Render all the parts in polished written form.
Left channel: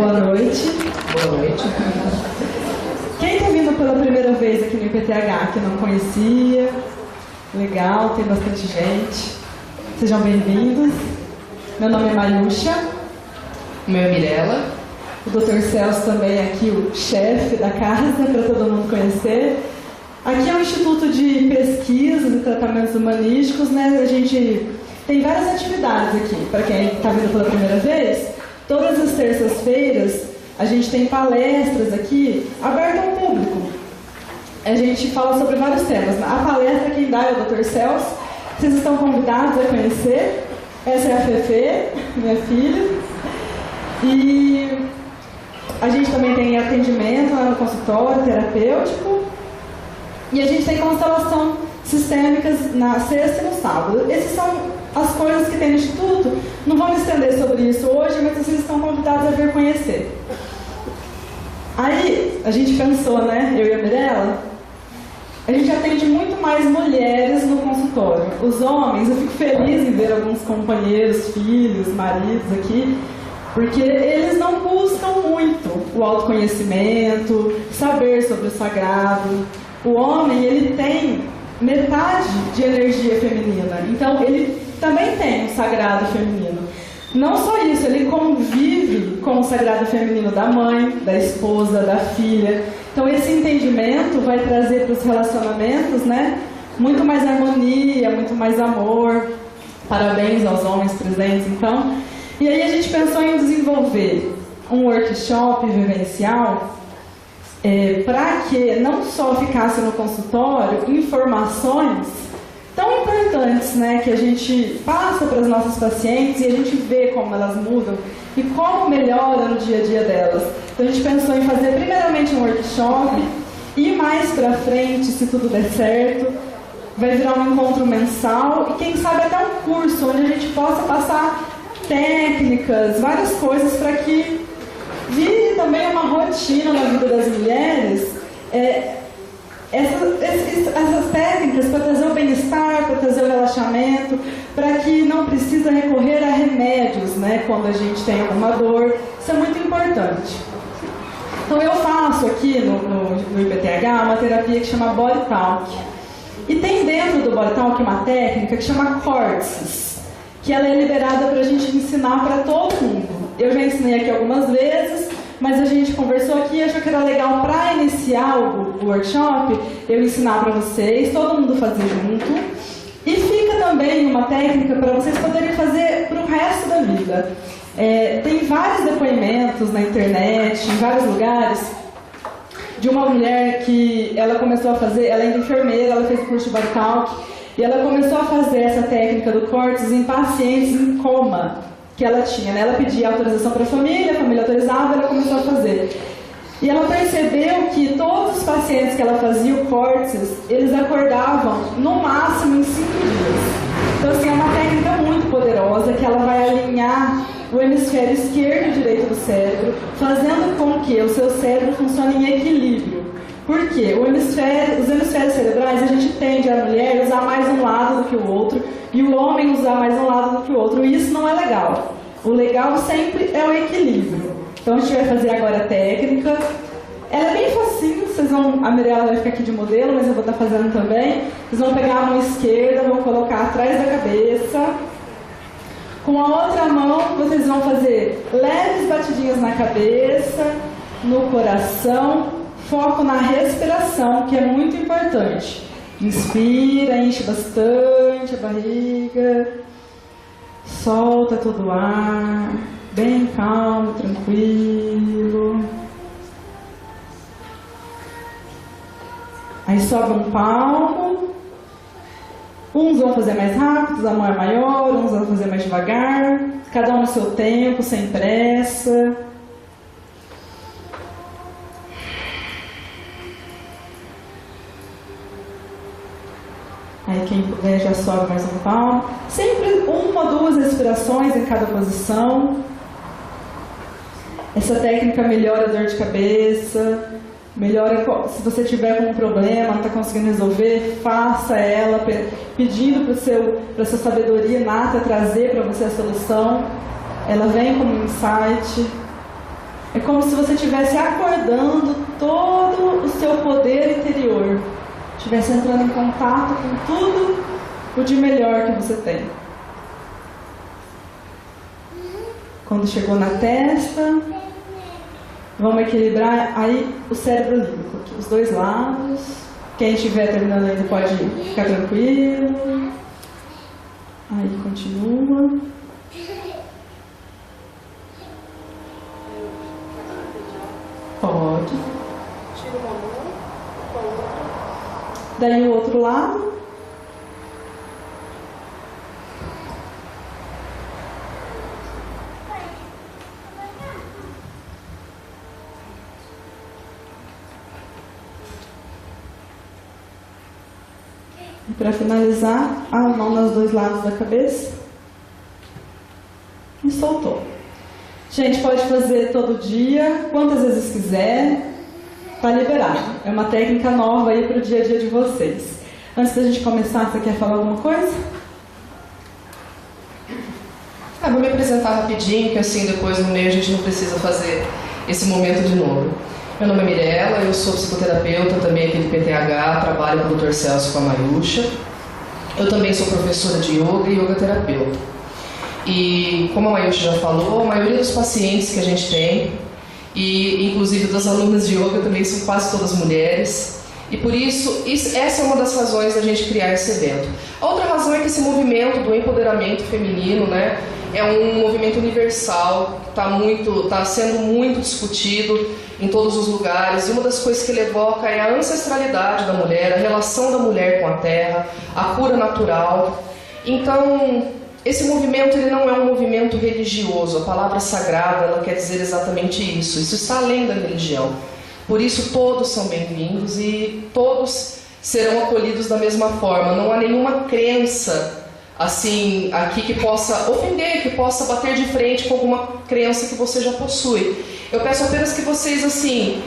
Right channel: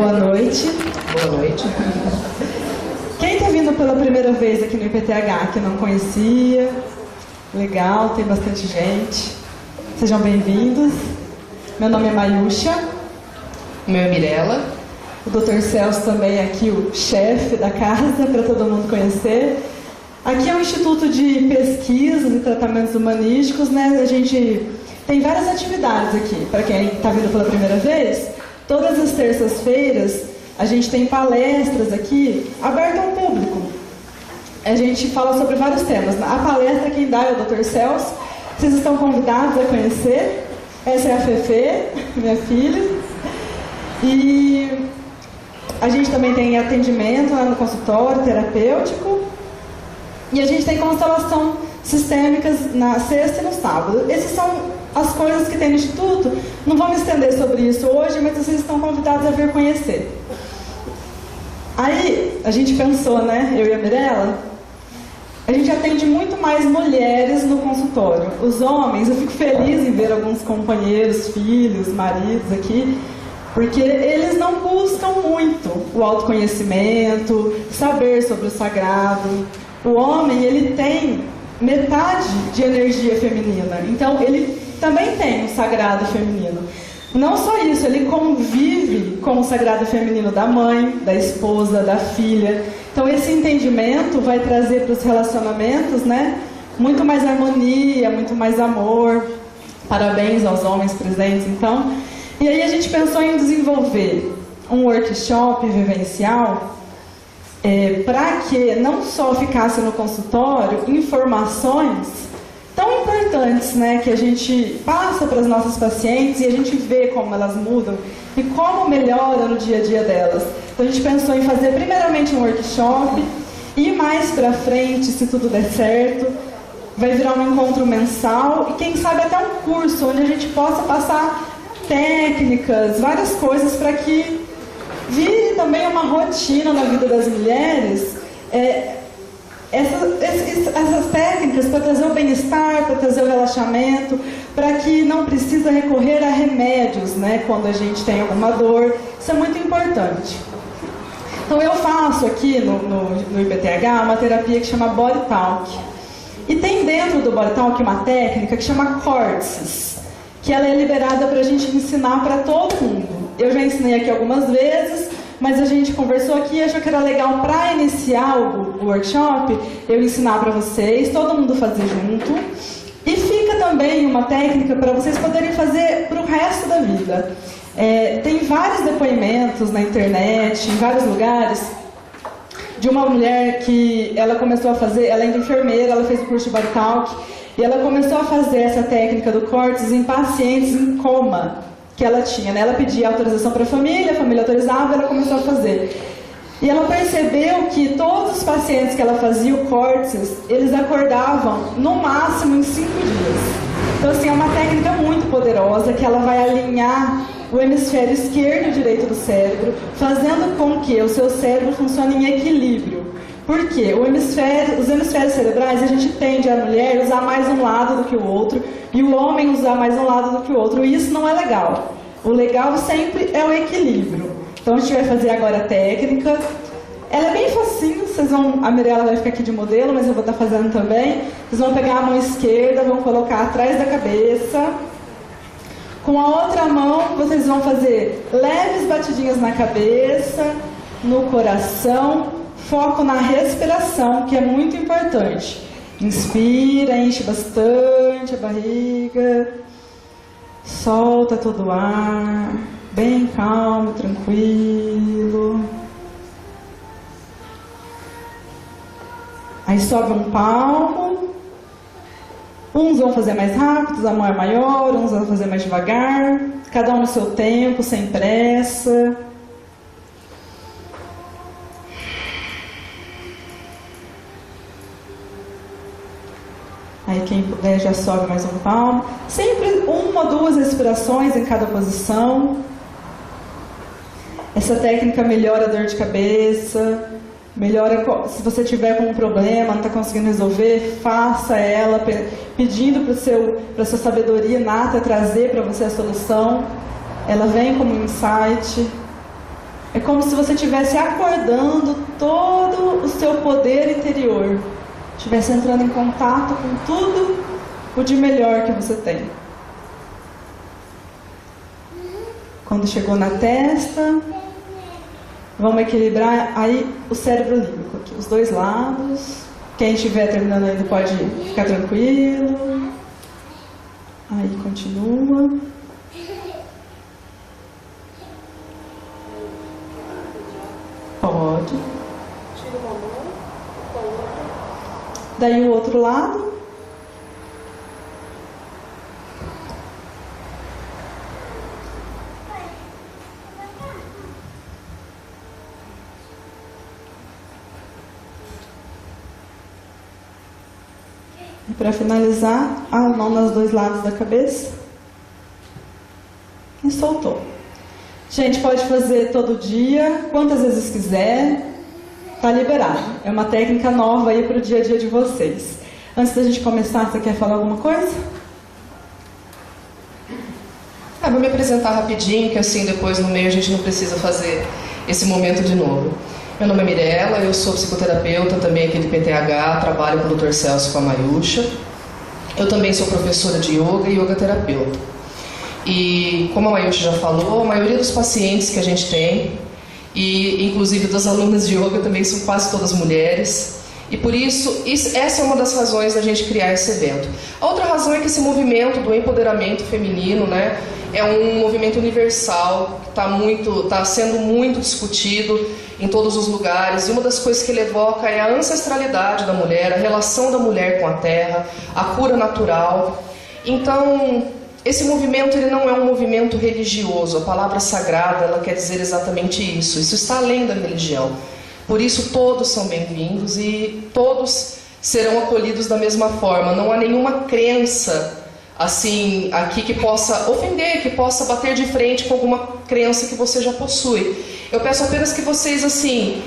Boa noite. Boa noite. Quem está vindo pela primeira vez aqui no IPTH, que não conhecia? Legal, tem bastante gente. Sejam bem-vindos. Meu nome é Mayusha. O meu é Mirella. O Dr. Celso também é aqui, o chefe da casa, para todo mundo conhecer. Aqui é um instituto de pesquisas e tratamentos humanísticos, né? A gente tem várias atividades aqui. Para quem está vindo pela primeira vez, todas as terças-feiras a gente tem palestras aqui abertas ao público. A gente fala sobre vários temas. A palestra quem dá é o Dr. Celso. Vocês estão convidados a conhecer. Essa é a Fefe, minha filha. E a gente também tem atendimento lá no consultório terapêutico. E a gente tem constelação sistêmicas na sexta e no sábado. Essas são as coisas que tem no Instituto. Não vamos estender sobre isso hoje, mas vocês estão convidados a vir conhecer. Aí, a gente pensou, né, eu e a Mirella, a gente atende muito mais mulheres no consultório. Os homens, eu fico feliz em ver alguns companheiros, filhos, maridos aqui, porque eles não buscam muito o autoconhecimento, saber sobre o sagrado. O homem, ele tem metade de energia feminina, então ele também tem o sagrado feminino. Não só isso, ele convive com o sagrado feminino da mãe, da esposa, da filha. Então esse entendimento vai trazer para os relacionamentos, né, muito mais harmonia, muito mais amor. Parabéns aos homens presentes, então. E aí a gente pensou em desenvolver um workshop vivencial para que não só ficasse no consultório informações tão importantes, né, que a gente passa para as nossas pacientes e a gente vê como elas mudam e como melhora no dia a dia delas. Então a gente pensou em fazer primeiramente um workshop e mais para frente, se tudo der certo, vai virar um encontro mensal e quem sabe até um curso onde a gente possa passar técnicas, várias coisas para que vire também uma rotina na vida das mulheres. Essas técnicas para trazer o bem-estar, para trazer o relaxamento, para que não precisa recorrer a remédios, né, quando a gente tem alguma dor. Isso é muito importante. Então eu faço aqui no IPTH uma terapia que chama Body Talk. E tem dentro do Body Talk uma técnica que chama Córtices, que ela é liberada para a gente ensinar para todo mundo. Eu já ensinei aqui algumas vezes, mas a gente conversou aqui e achou que era legal para iniciar o workshop, eu ensinar para vocês, todo mundo fazer junto. E fica também uma técnica para vocês poderem fazer para o resto da vida. Tem vários depoimentos na internet, em vários lugares, de uma mulher que ela começou a fazer, ela ainda é enfermeira, ela fez o curso de Body Talk, e ela começou a fazer essa técnica do córtex em pacientes em coma que ela tinha, né? Ela pedia autorização para a família autorizava, ela começou a fazer. E ela percebeu que todos os pacientes que ela fazia o córtex, eles acordavam no máximo em 5 dias. Então, assim, é uma técnica muito poderosa que ela vai alinhar o hemisfério esquerdo e direito do cérebro, fazendo com que o seu cérebro funcione em equilíbrio. Por quê? Os hemisférios cerebrais, a gente tende a mulher usar mais um lado do que o outro e o homem usar mais um lado do que o outro. E isso não é legal. O legal sempre é o equilíbrio. Então a gente vai fazer agora a técnica. Ela é bem facinho, a Mirella vai ficar aqui de modelo, mas eu vou estar fazendo também. Vocês vão pegar a mão esquerda, vão colocar atrás da cabeça. Com a outra mão, vocês vão fazer leves batidinhas na cabeça, no coração. Foco na respiração, que é muito importante. Inspira, enche bastante a barriga. Solta todo o ar. Bem calmo, tranquilo. Aí sobe um palmo. Uns vão fazer mais rápido, a mão é maior. Uns vão fazer mais devagar. Cada um no seu tempo, sem pressa. Aí quem puder já sobe mais um palmo. Sempre 1 ou 2 respirações em cada posição. Essa técnica melhora a dor de cabeça, melhora se você tiver com um problema, não está conseguindo resolver, faça ela pedindo para a sua sabedoria inata trazer para você a solução. Ela vem como um insight. É como se você estivesse acordando todo o seu poder interior, estivesse entrando em contato com tudo o de melhor que você tem. Quando chegou na testa, vamos equilibrar aí o cérebro límbico, aqui, os dois lados. Quem estiver terminando ainda pode ficar tranquilo. Aí continua. Pode. Tira uma mão, com a outra. Daí o outro lado. E para finalizar, a mão nos dois lados da cabeça. E soltou. Gente, pode fazer todo dia, quantas vezes quiser, tá liberado. É uma técnica nova aí para o dia a dia de vocês. Antes da gente começar, você quer falar alguma coisa? Vou me apresentar rapidinho, que assim depois no meio a gente não precisa fazer esse momento de novo. Meu nome é Mirella, eu sou psicoterapeuta também aqui do PTH, trabalho com o Dr. Celso com a Mayusha. Eu também sou professora de yoga e yoga terapeuta. E como a Mayusha já falou, a maioria dos pacientes que a gente tem, e inclusive das alunas de yoga também são quase todas mulheres. E por isso, essa é uma das razões da gente criar esse evento. A outra razão é que esse movimento do empoderamento feminino, né, é um movimento universal, que está sendo muito discutido em todos os lugares. E uma das coisas que ele evoca é a ancestralidade da mulher, a relação da mulher com a terra, a cura natural. Então, esse movimento ele não é um movimento religioso. A palavra sagrada ela quer dizer exatamente isso. Isso está além da religião. Por isso todos são bem-vindos e todos serão acolhidos da mesma forma. Não há nenhuma crença assim aqui que possa ofender, que possa bater de frente com alguma crença que você já possui. Eu peço apenas que vocês assim,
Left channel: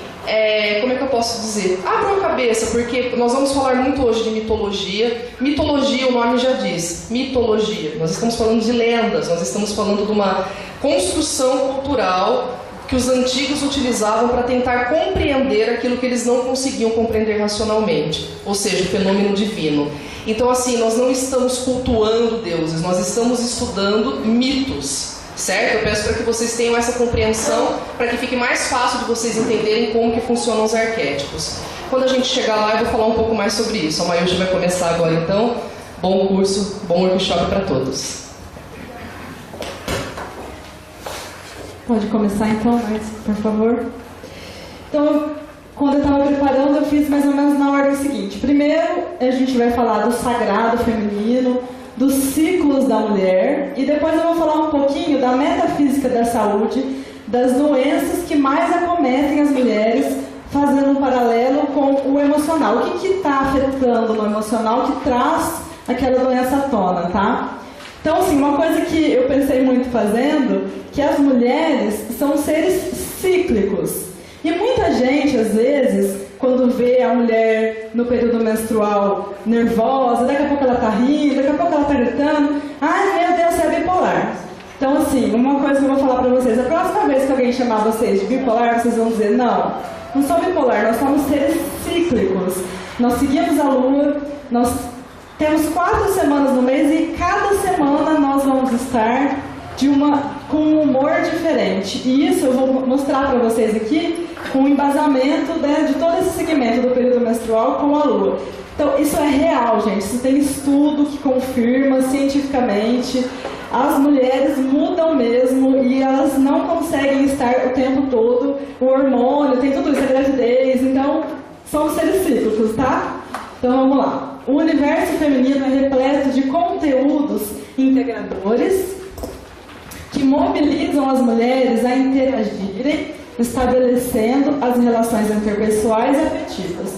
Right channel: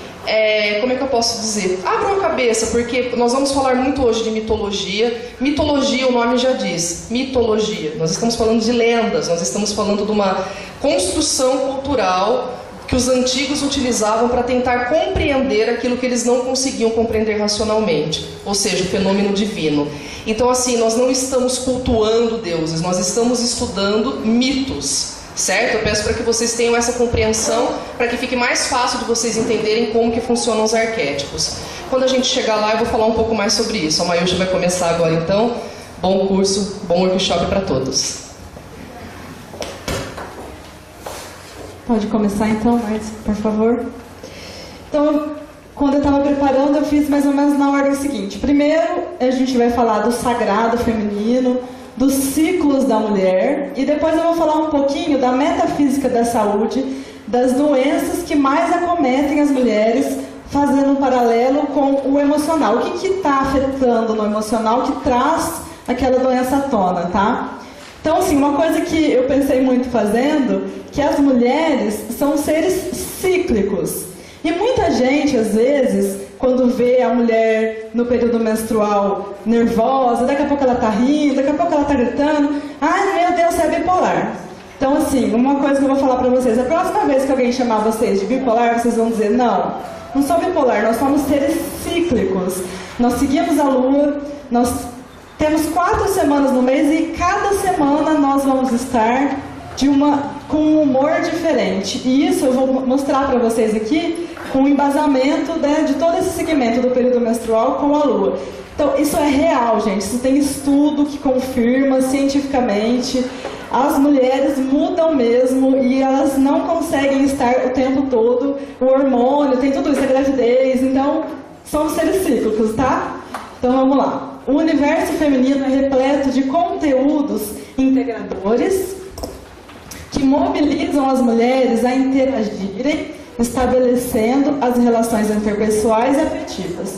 como é que eu posso dizer? Abram a cabeça, porque nós vamos falar muito hoje de mitologia. Mitologia, o nome já diz, mitologia. Nós estamos falando de lendas, nós estamos falando de uma construção cultural que os antigos utilizavam para tentar compreender aquilo que eles não conseguiam compreender racionalmente, ou seja, o fenômeno divino. Então assim, nós não estamos cultuando deuses, nós estamos estudando mitos, certo? Eu peço para que vocês tenham essa compreensão, para que fique mais fácil de vocês entenderem como que funcionam os arquétipos. Quando a gente chegar lá, eu vou falar um pouco mais sobre isso. A Mayusha vai começar agora então. Bom curso, bom workshop para todos. Pode começar então, Marcia, por favor. Então, quando eu estava preparando, eu fiz mais ou menos na ordem seguinte. Primeiro, a gente vai falar do sagrado feminino, dos ciclos da mulher, e depois eu vou falar um pouquinho da metafísica da saúde, das doenças que mais acometem as mulheres, fazendo um paralelo com o emocional. O que está afetando no emocional que traz aquela doença à tona, tá? Então, assim, uma coisa que eu pensei muito fazendo, que as mulheres são seres cíclicos. E muita gente, às vezes, quando vê a mulher no período menstrual nervosa, daqui a pouco ela está rindo, daqui a pouco ela está gritando, ai meu Deus, você é bipolar. Então, assim, uma coisa que eu vou falar para vocês, a próxima vez que alguém chamar vocês de bipolar, vocês vão dizer, não sou bipolar, nós somos seres cíclicos. Nós seguimos a lua, nós temos 4 semanas no mês e cada semana nós vamos estar com um humor diferente. E isso eu vou mostrar para vocês aqui com o embasamento, né, de todo esse segmento do período menstrual com a lua. Então, isso é real, gente. Isso tem estudo que confirma cientificamente. As mulheres mudam mesmo e elas não conseguem estar o tempo todo. O hormônio, tem tudo isso, a gravidez. Então, são seres cíclicos, tá? Então, vamos lá. O universo feminino é repleto de conteúdos integradores que mobilizam as mulheres a interagirem, estabelecendo as relações interpessoais e afetivas.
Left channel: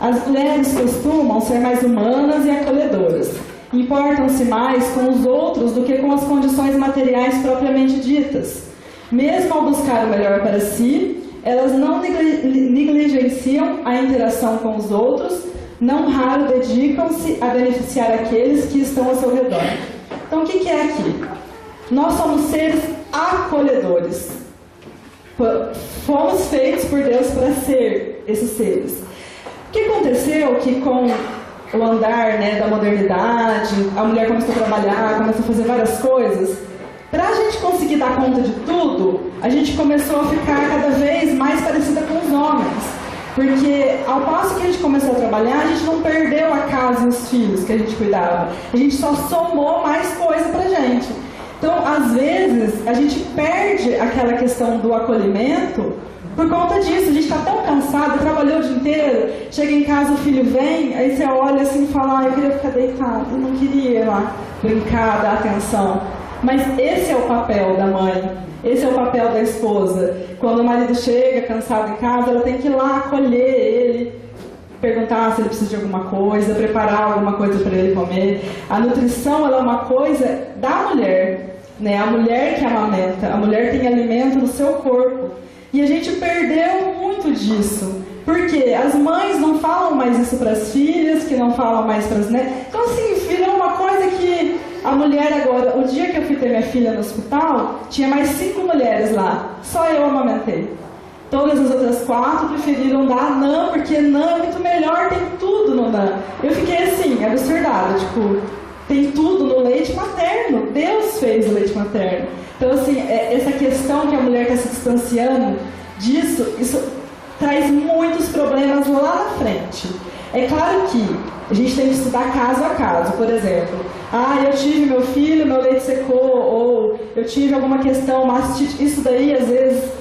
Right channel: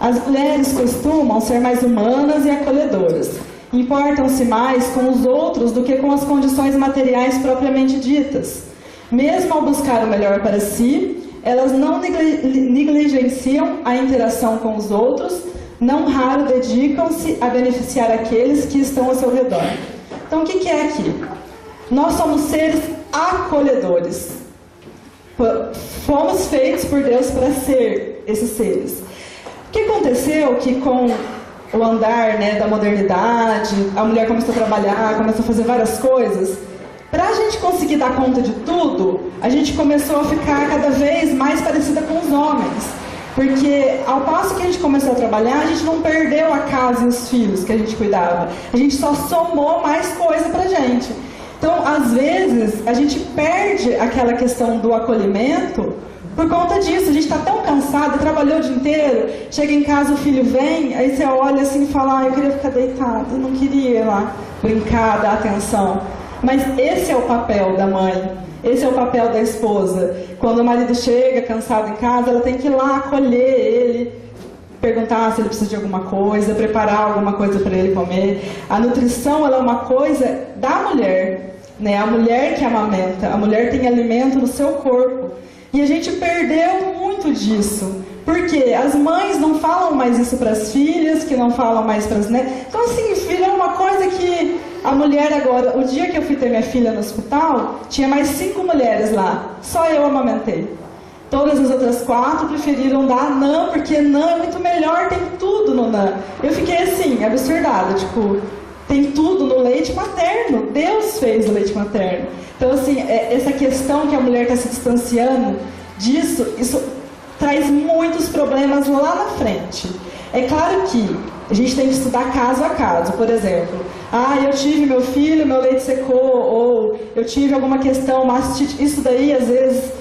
As mulheres costumam ser mais humanas e acolhedoras. Importam-se mais com os outros do que com as condições materiais propriamente ditas. Mesmo ao buscar o melhor para si, elas não negligenciam a interação com os outros, não raro dedicam-se a beneficiar aqueles que estão ao seu redor. Então, o que é aqui? Nós somos seres acolhedores. Fomos feitos por Deus para ser esses seres. O que aconteceu que com o andar, né, da modernidade, a mulher começou a trabalhar, começou a fazer várias coisas. Para a gente conseguir dar conta de tudo, a gente começou a ficar cada vez mais parecida com os homens. Porque ao passo que a gente começou a trabalhar, a gente não perdeu a casa e os filhos que a gente cuidava. A gente só somou mais coisa pra gente. Então, às vezes, a gente perde aquela questão do acolhimento por conta disso. A gente está tão cansado, trabalhou o dia inteiro, chega em casa, o filho vem, aí você olha assim e fala, eu queria ficar deitado, eu não queria ir lá brincar, dar atenção. Mas esse é o papel da mãe, esse é o papel da esposa. Quando o marido chega cansado em casa, ela tem que ir lá acolher ele, perguntar se ele precisa de alguma coisa, preparar alguma coisa para ele comer. A nutrição, ela é uma coisa da mulher, né? A mulher que amamenta, a mulher tem alimento no seu corpo. E a gente perdeu muito disso. Porque as mães não falam mais isso para as filhas, que não falam mais para as netas. Então, assim, virou uma coisa que a mulher agora... O dia que eu fui ter minha filha no hospital, tinha mais 5 mulheres lá. Só eu amamentei. Todas as outras 4 preferiram dar NAN, porque NAN é muito melhor, tem tudo no NAN. Eu fiquei assim, absurdada, tipo, tem tudo no leite materno. Deus fez o leite materno. Então, assim, essa questão que a mulher está se distanciando disso, isso traz muitos problemas lá na frente. É claro que a gente tem que estudar caso a caso. Por exemplo, eu tive meu filho, meu leite secou, ou eu tive alguma questão, mastite. Isso daí, às vezes,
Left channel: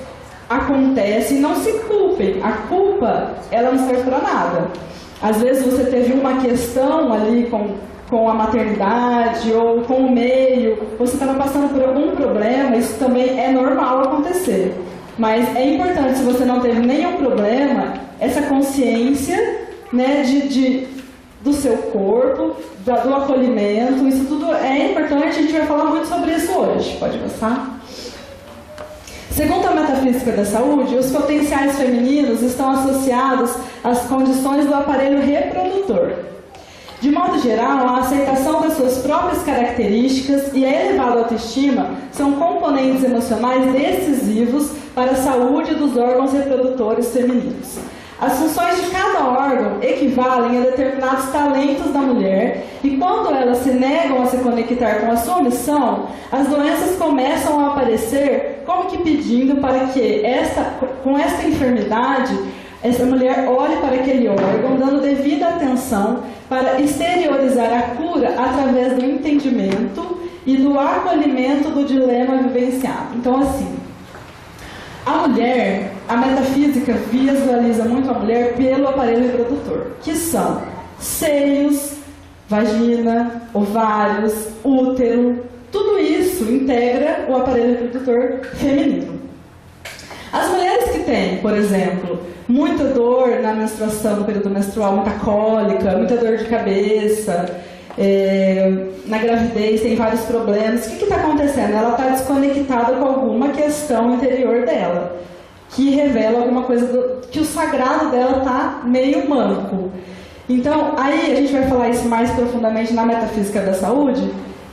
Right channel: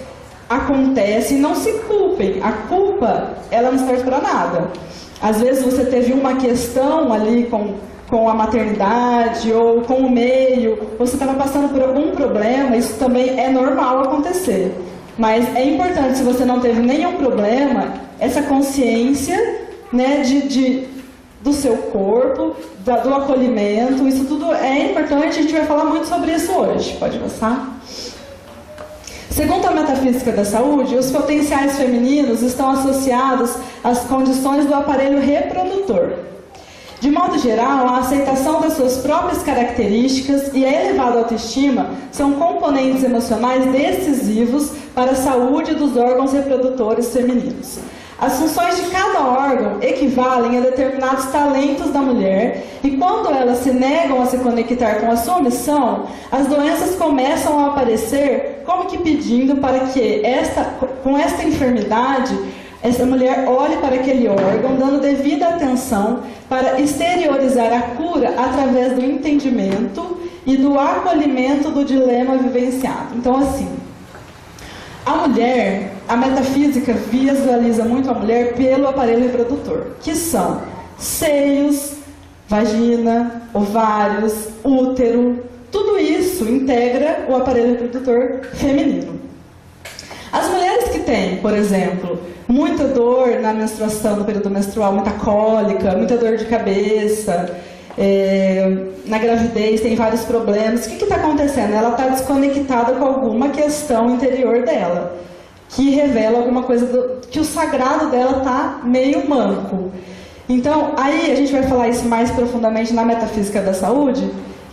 acontece. Não se culpem. A culpa, ela não serve para nada. Às vezes você teve uma questão ali com a maternidade ou com o meio, você estava passando por algum problema, isso também é normal acontecer. Mas é importante, se você não teve nenhum problema, essa consciência, né, do seu corpo, do acolhimento, isso tudo é importante, a gente vai falar muito sobre isso hoje. Pode passar? Segundo a metafísica da saúde, os potenciais femininos estão associados às condições do aparelho reprodutor. De modo geral, a aceitação das suas próprias características e a elevada autoestima são componentes emocionais decisivos para a saúde dos órgãos reprodutores femininos. As funções de cada órgão equivalem a determinados talentos da mulher e quando elas se negam a se conectar com a sua missão, as doenças começam a aparecer como que pedindo para que com esta enfermidade, essa mulher olhe para aquele órgão, dando devida atenção para exteriorizar a cura através do entendimento e do acolhimento do dilema vivenciado. Então, assim, a mulher, a metafísica visualiza muito a mulher pelo aparelho reprodutor, que são seios, vagina, ovários, útero, tudo isso integra o aparelho reprodutor feminino. As mulheres que têm, por exemplo, muita dor na menstruação, no período menstrual, muita cólica, muita dor de cabeça, na gravidez tem vários problemas. O que está acontecendo? Ela está desconectada com alguma questão interior dela, que revela alguma coisa, que o sagrado dela está meio manco. Então, aí a gente vai falar isso mais profundamente na metafísica da saúde,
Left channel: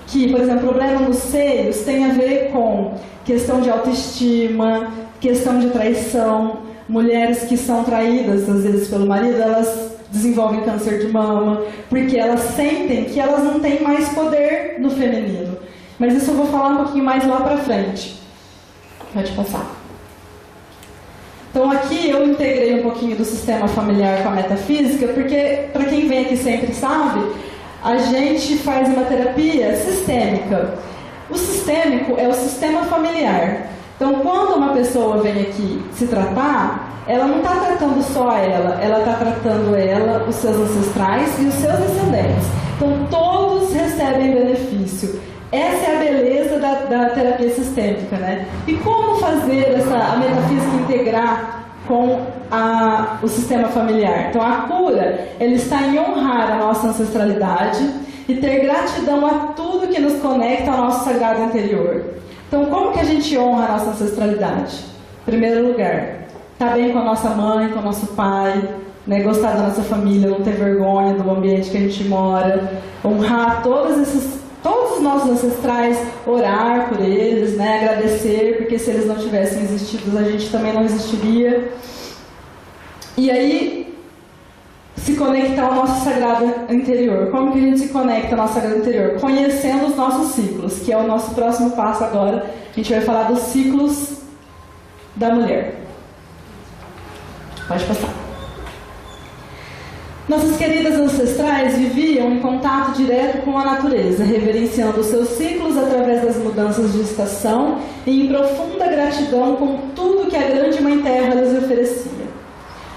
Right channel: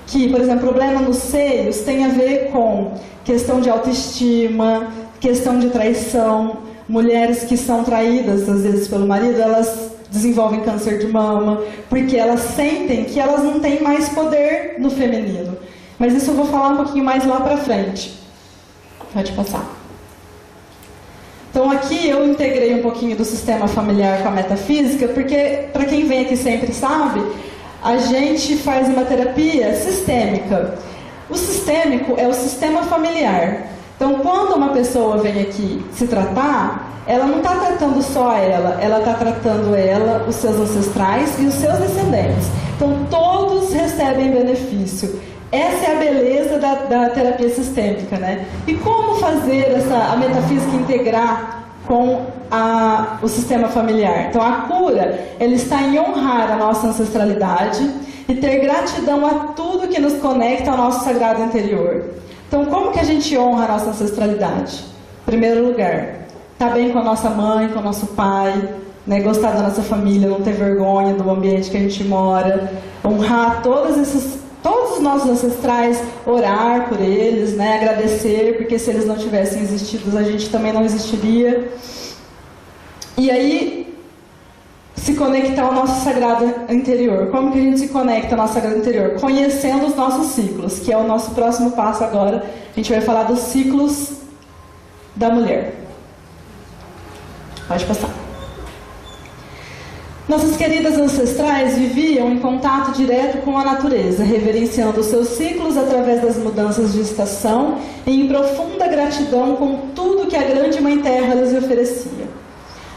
que, por exemplo, problema nos seios tem a ver com questão de autoestima, questão de traição. Mulheres que são traídas, às vezes, pelo marido, elas desenvolvem câncer de mama, porque elas sentem que elas não têm mais poder no feminino. Mas isso eu vou falar um pouquinho mais lá pra frente. Pode passar. Então aqui eu integrei um pouquinho do sistema familiar com a metafísica, porque, para quem vem aqui sempre sabe, a gente faz uma terapia sistêmica. O sistêmico é o sistema familiar. Então, quando uma pessoa vem aqui se tratar, ela não está tratando só ela está tratando ela, os seus ancestrais e os seus descendentes. Então, todos recebem benefício. Essa é a beleza da terapia sistêmica, né? E como fazer a metafísica integrar com o sistema familiar? Então, a cura, ela está em honrar a nossa ancestralidade e ter gratidão a tudo que nos conecta ao nosso sagrado interior. Então, como que a gente honra a nossa ancestralidade? Em primeiro lugar, estar bem com a nossa mãe, com o nosso pai, né? Gostar da nossa família, não ter vergonha do ambiente que a gente mora, honrar todas essas todos os nossos ancestrais, orar por eles, né? Agradecer, porque se eles não tivessem existido, a gente também não existiria. E aí, se conectar ao nosso sagrado interior. Como que a gente se conecta ao nosso sagrado interior? Conhecendo os nossos ciclos, que é o nosso próximo passo agora. A gente vai falar dos ciclos da mulher. Pode passar. Nossas queridas ancestrais viviam em contato direto com a natureza, reverenciando os seus ciclos através das mudanças de estação e em profunda gratidão com tudo que a grande Mãe Terra lhes oferecia.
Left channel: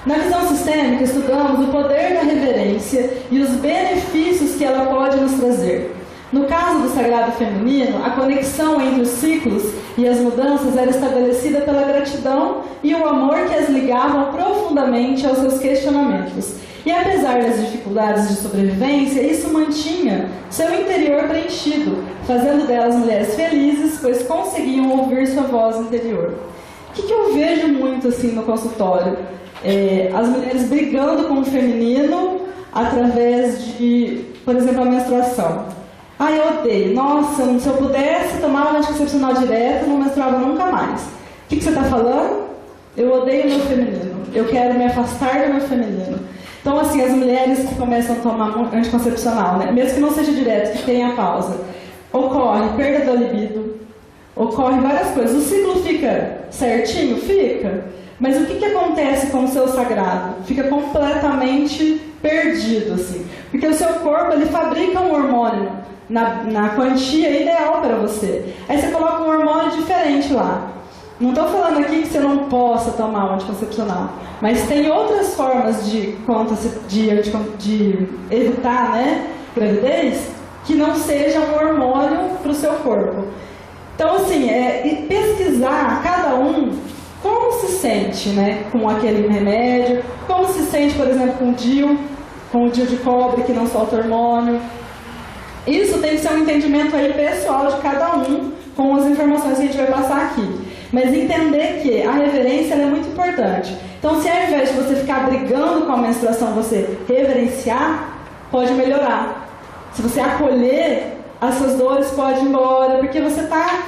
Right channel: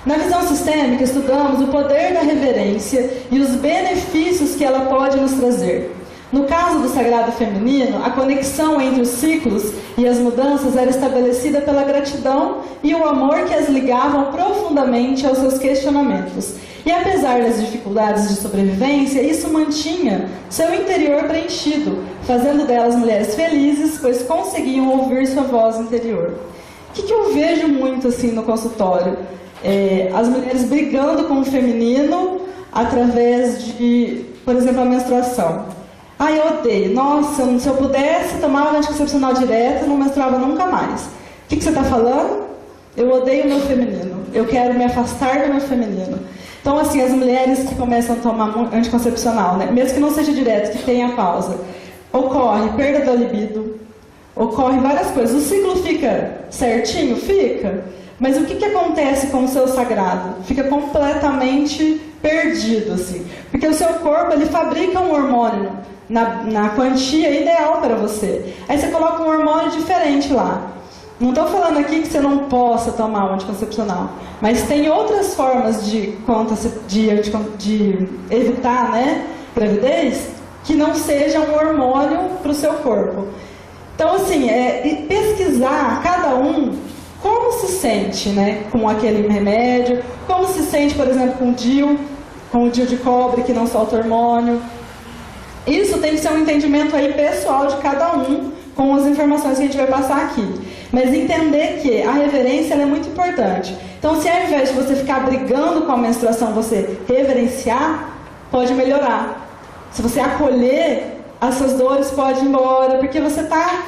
Na visão sistêmica, estudamos o poder da reverência e os benefícios que ela pode nos trazer. No caso do sagrado feminino, a conexão entre os ciclos e as mudanças era estabelecida pela gratidão e o amor que as ligavam profundamente aos seus questionamentos. E apesar das dificuldades de sobrevivência, isso mantinha seu interior preenchido, fazendo delas mulheres felizes, pois conseguiam ouvir sua voz interior. O que eu vejo muito assim no consultório? As mulheres brigando com o feminino através de, por exemplo, a menstruação. Eu odeio. Nossa, se eu pudesse tomar um anticoncepcional direto, não menstruava nunca mais. O que você está falando? Eu odeio o meu feminino. Eu quero me afastar do meu feminino. Então, assim, as mulheres que começam a tomar anticoncepcional, né, mesmo que não seja direto, que tenha pausa, ocorre perda da libido, ocorre várias coisas. O ciclo fica certinho? Fica. Mas o que acontece com o seu sagrado? Fica completamente perdido, assim. Porque o seu corpo, ele fabrica um hormônio na quantia ideal para você. Aí você coloca um hormônio diferente lá. Não estou falando aqui que você não possa tomar um anticoncepcional, mas tem outras formas de evitar, né, gravidez, que não seja um hormônio para o seu corpo. Então, assim, pesquisar cada um como se sente, né, com aquele remédio, como se sente, por exemplo, com o DIU de cobre que não solta hormônio. Isso tem que ser um entendimento aí pessoal de cada um, com as informações que a gente vai passar aqui. Mas entender que a reverência ela é muito importante. Então, se ao invés de você ficar brigando com a menstruação, você reverenciar, pode melhorar. Se você acolher, as suas dores podem ir embora, porque você está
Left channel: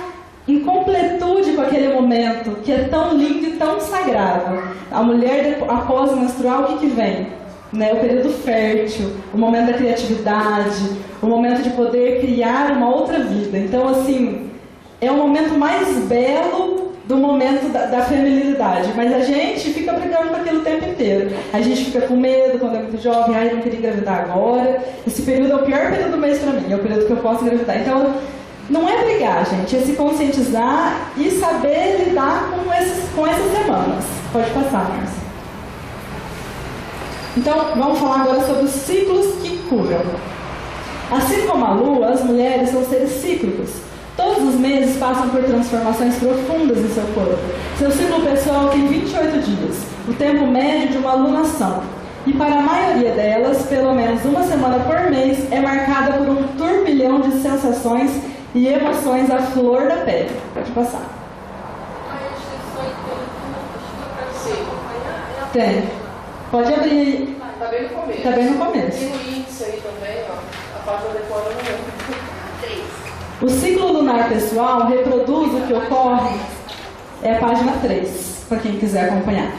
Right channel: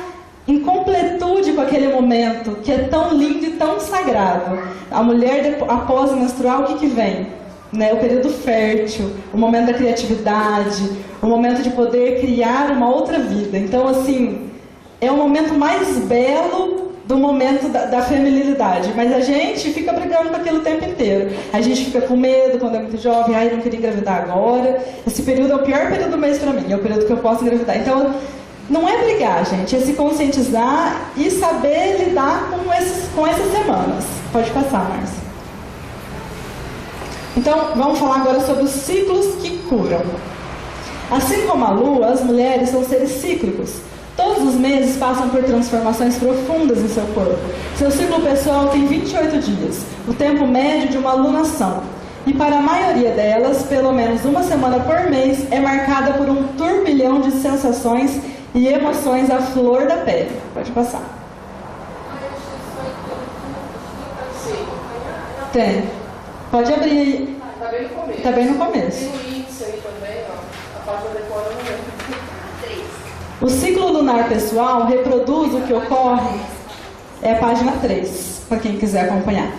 em completude com aquele momento, que é tão lindo e tão sagrado. A mulher, após menstruar, o que vem? Né, o período fértil, o momento da criatividade, o momento de poder criar uma outra vida. Então, assim, é o momento mais belo do momento da feminilidade. Mas a gente fica brigando com aquilo o tempo inteiro. A gente fica com medo quando é muito jovem. Não queria engravidar agora. Esse período é o pior período do mês para mim. É o período que eu posso engravidar. Então, não é brigar, gente. É se conscientizar e saber lidar com essas semanas. Pode passar, Márcia. Então, vamos falar agora sobre os ciclos que curam. Assim como a Lua, as mulheres são seres cíclicos. Todos os meses passam por transformações profundas em seu corpo. Seu ciclo pessoal tem 28 dias, o tempo médio de uma lunação. E para a maioria delas, pelo menos uma semana por mês é marcada por um turbilhão de sensações e emoções à flor da pele. Pode passar. Tem. Pode abrir aí. Tá bem no começo. Tá bem no começo. Tem o índice aí também, ó. A página decora no meio. 3. O ciclo lunar pessoal reproduz o que ocorre. É a página 3, para quem quiser acompanhar.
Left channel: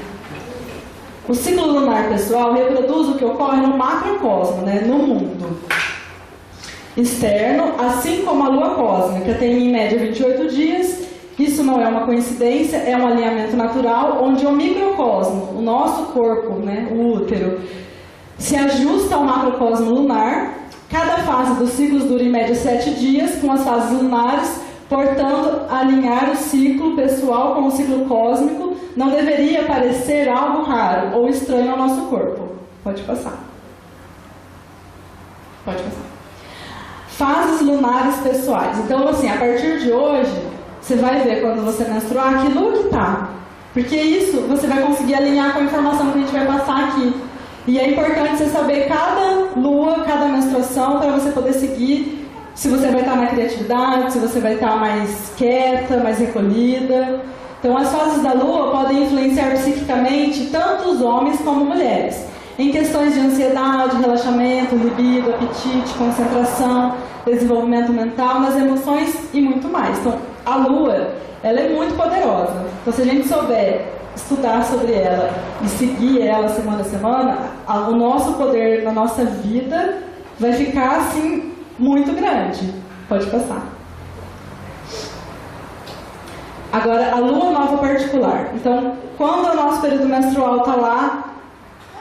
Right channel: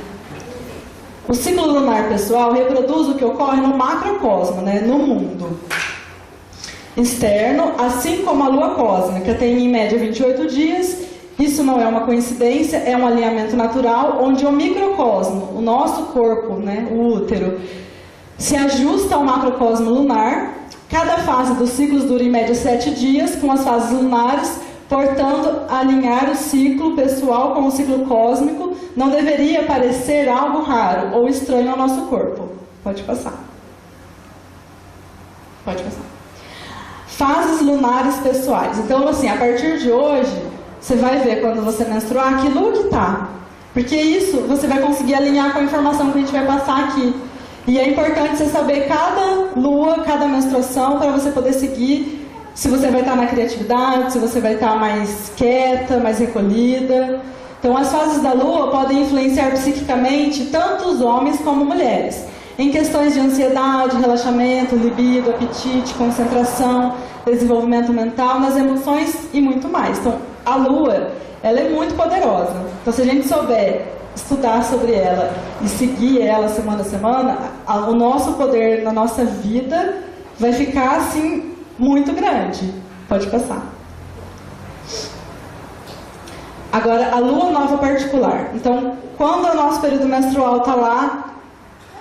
O ciclo lunar pessoal reproduz o que ocorre no macrocosmo, né, no mundo externo, assim como a lua cósmica tem em média 28 dias. Isso não é uma coincidência, é um alinhamento natural, onde o microcosmo, o nosso corpo, né, o útero, se ajusta ao macrocosmo lunar. Cada fase dos ciclos dura em média 7 dias, com as fases lunares, portanto, alinhar o ciclo pessoal com o ciclo cósmico não deveria parecer algo raro ou estranho ao nosso corpo. Pode passar. Pode passar. Fases lunares pessoais. Então, assim, a partir de hoje, você vai ver quando você menstruar que lua que tá. Porque isso você vai conseguir alinhar com a informação que a gente vai passar aqui. E é importante você saber cada lua, cada menstruação, para você poder seguir se você vai estar na criatividade, se você vai estar mais quieta, mais recolhida. Então, as fases da lua podem influenciar psiquicamente tanto os homens como mulheres, em questões de ansiedade, relaxamento, libido, apetite, concentração, desenvolvimento mental, nas emoções e muito mais. Então, a Lua, ela é muito poderosa. Então, se a gente souber estudar sobre ela e seguir ela semana a semana, o nosso poder na nossa vida vai ficar, assim, muito grande. Pode passar. Agora, a Lua nova particular. Então, quando o nosso período menstrual está lá,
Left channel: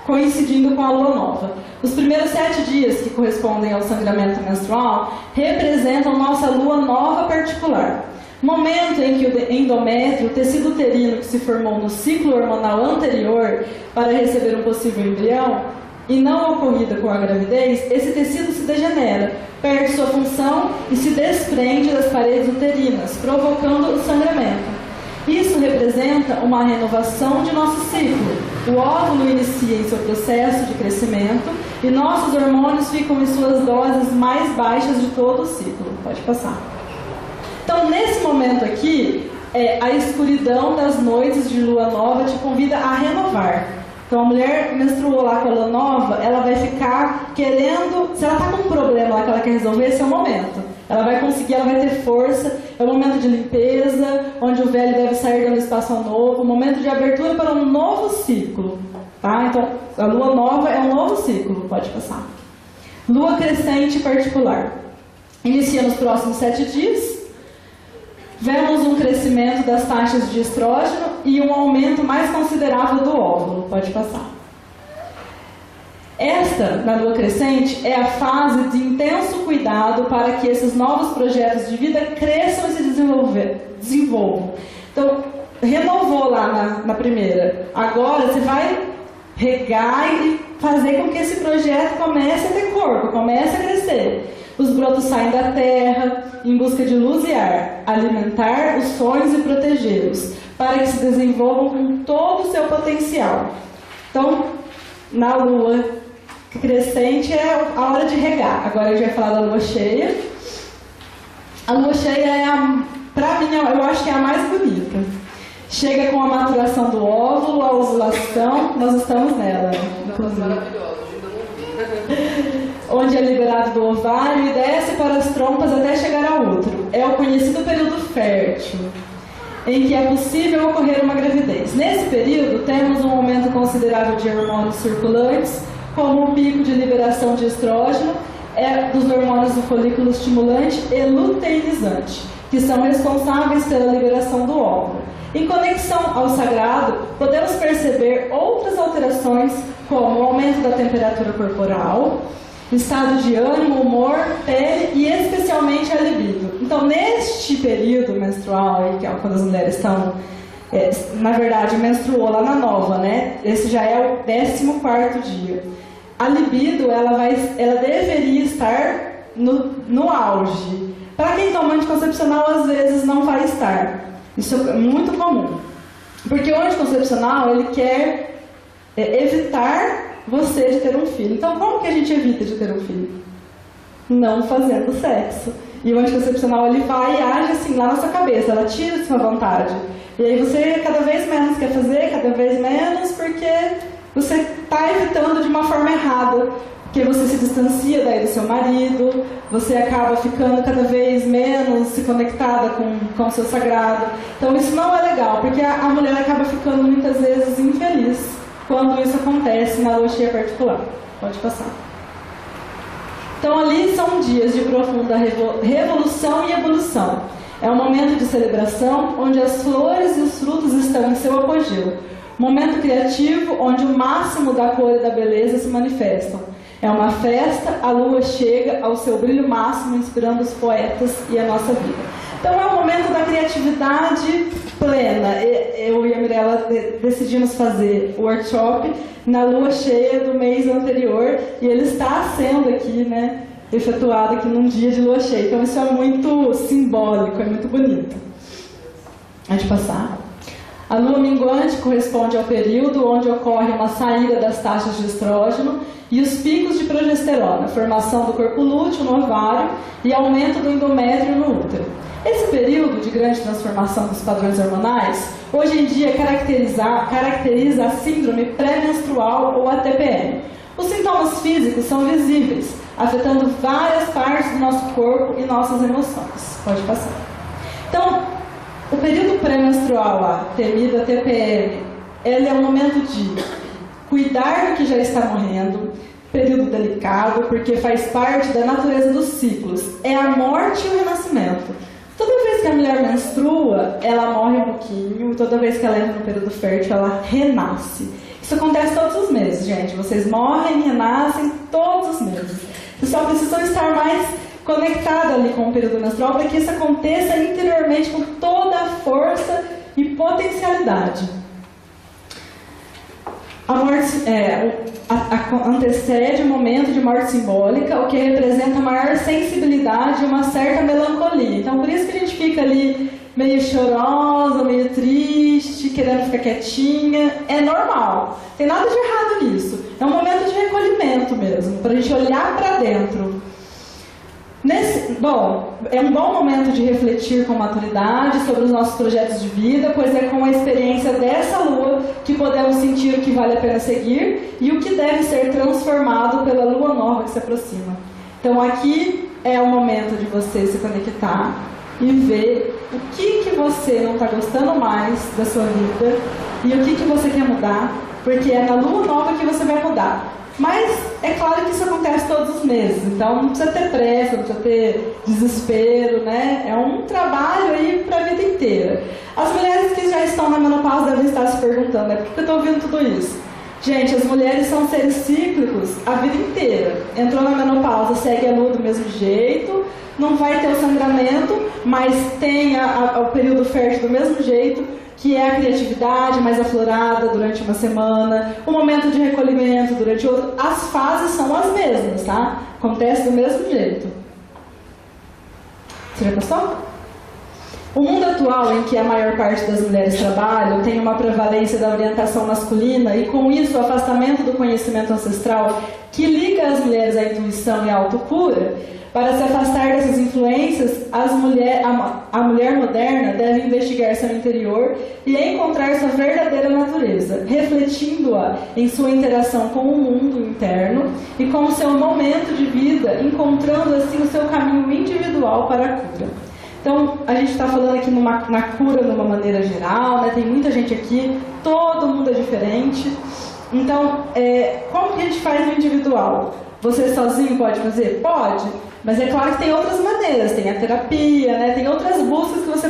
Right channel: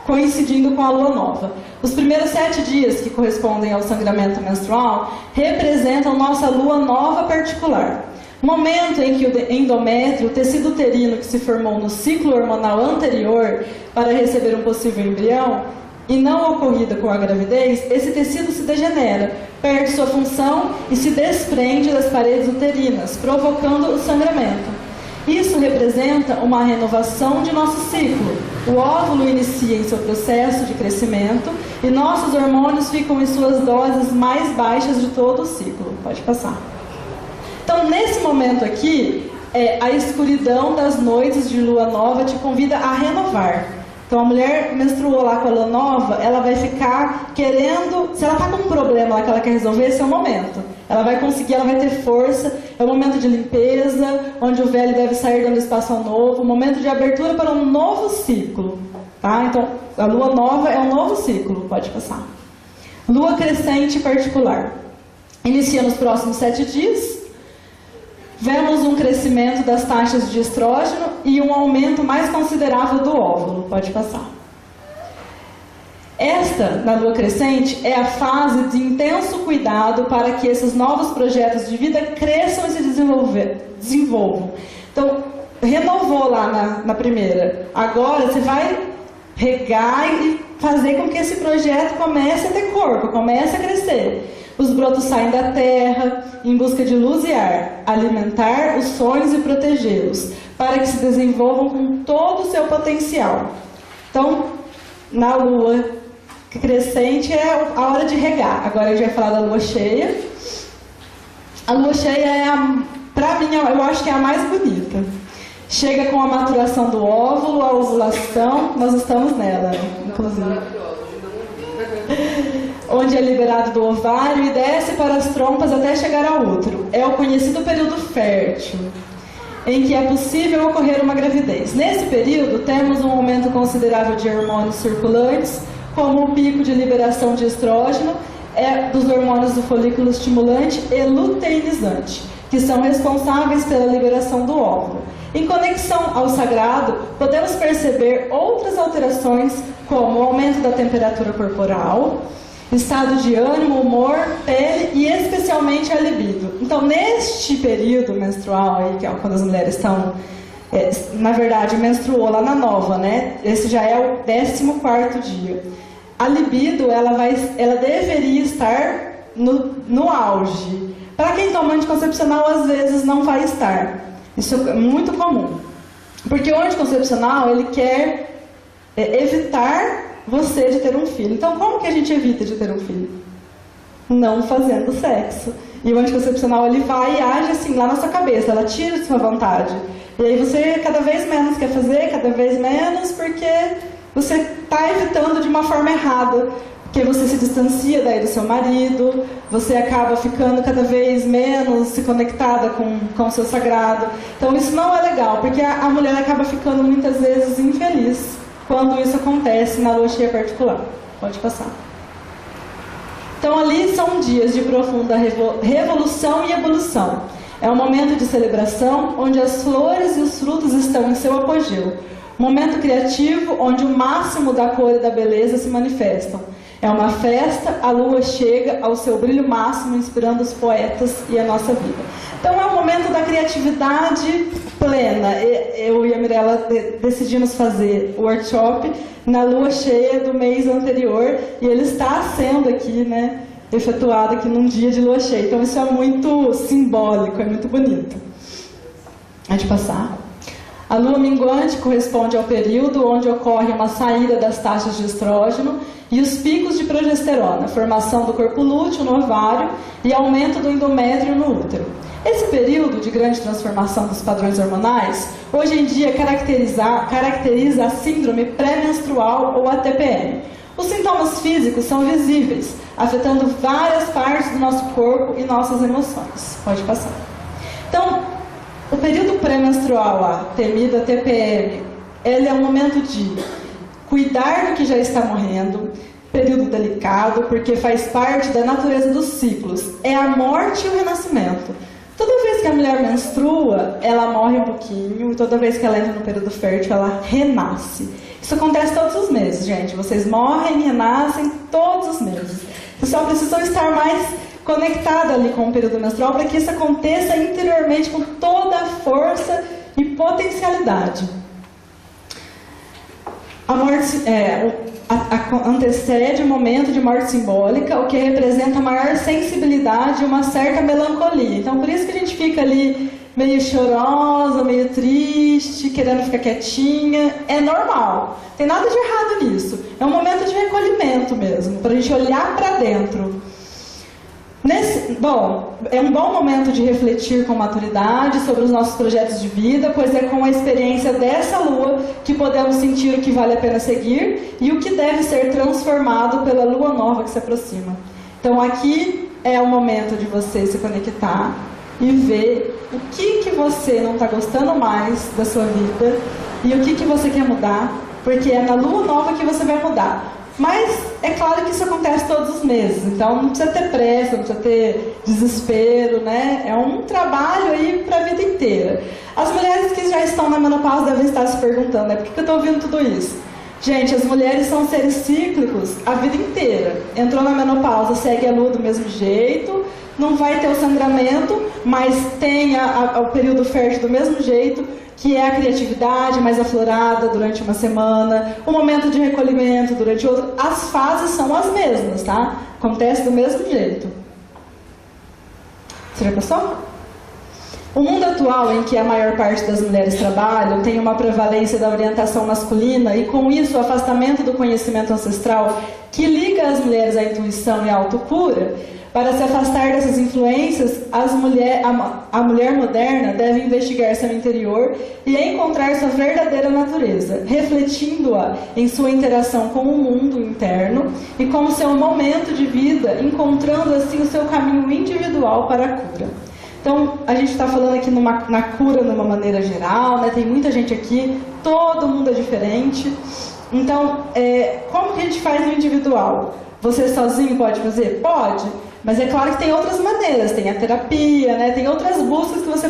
coincidindo com a Lua nova. Os primeiros 7 dias que correspondem ao sangramento menstrual representam nossa Lua nova particular. Momento em que o endométrio, o tecido uterino que se formou no ciclo hormonal anterior para receber um possível embrião, e não ocorrida com a gravidez, esse tecido se degenera, perde sua função e se desprende das paredes uterinas, provocando o sangramento. Isso representa uma renovação de nosso ciclo. O óvulo inicia em seu processo de crescimento e nossos hormônios ficam em suas doses mais baixas de todo o ciclo. Pode passar. Então, nesse momento aqui, a escuridão das noites de lua nova te convida a renovar. Então, a mulher menstruou lá com a lua nova, ela vai ficar querendo... Se ela está com um problema lá que ela quer resolver, esse é o momento. Ela vai conseguir, ela vai ter força. É o momento de limpeza, onde o velho deve sair dando espaço ao novo. O momento de abertura para um novo ciclo. Tá? Então, a lua nova é um novo ciclo. Pode passar. Lua crescente particular. Inicia nos próximos 7 dias. Vemos um crescimento das taxas de estrógeno e um aumento mais considerável do óvulo. Pode passar. Esta, na lua crescente, é a fase de intenso cuidado para que esses novos projetos de vida cresçam e se desenvolvam. Então, renovou lá na primeira. Agora você vai regar e fazer com que esse projeto comece a ter corpo, comece a crescer. Os brotos saem da terra em busca de luz e ar, alimentar os sonhos e protegê-los, para que se desenvolvam com todo o seu potencial. Então, na lua crescente é a hora de regar. Agora a gente vai falar da lua cheia. A lua cheia é, para mim, eu acho que é a mais bonita. Chega com a maturação do óvulo, a ovulação, nós estamos nela, inclusive. Maravilhosa, ainda não vi. Onde é liberado do ovário e desce para as trompas até chegar ao útero. É o conhecido período fértil, em que é possível ocorrer uma gravidez. Nesse período, temos um aumento considerável de hormônios circulantes, como o pico de liberação de estrógeno, dos hormônios do folículo estimulante e luteinizante, que são responsáveis pela liberação do óvulo. Em conexão ao sagrado, podemos perceber outras alterações, como o aumento da temperatura corporal, estado de ânimo, humor, pele e especialmente a libido. Então, neste período menstrual, aí, que é quando as mulheres estão, na verdade, menstruou lá na nova, né? Esse já é o 14º dia. A libido, ela deveria estar no auge. Para quem toma anticoncepcional, às vezes não vai estar. Isso é muito comum. Porque o anticoncepcional, ele quer evitar você de ter um filho. Então, como que a gente evita de ter um filho? Não fazendo sexo. E o anticoncepcional, ele vai e age assim, lá na sua cabeça, ela tira a sua vontade. E aí você cada vez menos quer fazer, cada vez menos, porque você está evitando de uma forma errada. Porque você se distancia daí do seu marido, você acaba ficando cada vez menos se conectada com o seu sagrado. Então, isso não é legal, porque a mulher acaba ficando muitas vezes infeliz quando isso acontece na lua cheia particular. Pode passar. Então, ali são dias de profunda revolução e evolução. É um momento de celebração onde as flores e os frutos estão em seu apogeu. Momento criativo onde o máximo da cor e da beleza se manifestam. É uma festa, a lua chega ao seu brilho máximo, inspirando os poetas e a nossa vida. Então é o momento da criatividade plena. Eu e a Mirella decidimos fazer o workshop na lua cheia do mês anterior e ele está sendo aqui, né, efetuado aqui num dia de lua cheia. Então isso é muito simbólico, é muito bonito. Pode passar. A lua minguante corresponde ao período onde ocorre uma saída das taxas de estrógeno e os picos de progesterona, formação do corpo lúteo no ovário e aumento do endométrio no útero. Esse período de grande transformação dos padrões hormonais, hoje em dia caracteriza a síndrome pré-menstrual ou a TPM. Os sintomas físicos são visíveis, afetando várias partes do nosso corpo e nossas emoções. Pode passar. Então, o período pré-menstrual, a temida TPM, ele é um momento de cuidar do que já está morrendo, período delicado, porque faz parte da natureza dos ciclos. É a morte e o renascimento. Toda vez que a mulher menstrua, ela morre um pouquinho, e toda vez que ela entra no período fértil, ela renasce. Isso acontece todos os meses, gente. Vocês morrem e renascem todos os meses. Vocês só precisam estar mais conectados ali com o período menstrual para que isso aconteça interiormente com toda a força e potencialidade. A morte antecede o momento de morte simbólica, o que representa maior sensibilidade e uma certa melancolia. Então, por isso que a gente fica ali meio chorosa, meio triste, querendo ficar quietinha. É normal. Tem nada de errado nisso. É um momento de recolhimento mesmo, para a gente olhar para dentro. É um bom momento de refletir com maturidade sobre os nossos projetos de vida, pois é com a experiência dessa lua que podemos sentir o que vale a pena seguir e o que deve ser transformado pela lua nova que se aproxima. Então aqui é o momento de você se conectar e ver o que você não está gostando mais da sua vida e o que você quer mudar, porque é na lua nova que você vai mudar. Mas é claro que isso acontece todos os meses, então não precisa ter pressa, não precisa ter desespero, né? É um trabalho aí para a vida inteira. As mulheres que já estão na menopausa devem estar se perguntando, por que eu estou ouvindo tudo isso? Gente, as mulheres são seres cíclicos a vida inteira. Entrou na menopausa, segue a lua do mesmo jeito, não vai ter o sangramento, mas tem o período fértil do mesmo jeito, que é a criatividade mais aflorada durante uma semana, o momento de recolhimento durante outro. As fases são as mesmas, tá? Acontece do mesmo jeito. Você já passou? O mundo atual, em que a maior parte das mulheres trabalham, tem uma prevalência da orientação masculina e, com isso, o afastamento do conhecimento ancestral que liga as mulheres à intuição e à autocura. Para se afastar dessas influências, a mulher moderna deve investigar seu interior e encontrar sua verdadeira natureza, refletindo-a em sua interação com o mundo interno e com o seu momento de vida, encontrando assim o seu caminho individual para a cura. Então, a gente está falando aqui na cura de uma maneira geral, né? Tem muita gente aqui, todo mundo é diferente. Então, como que a gente faz no individual? Você sozinho pode fazer? Pode. Mas é claro que tem outras maneiras, tem a terapia, né? Tem outras buscas que você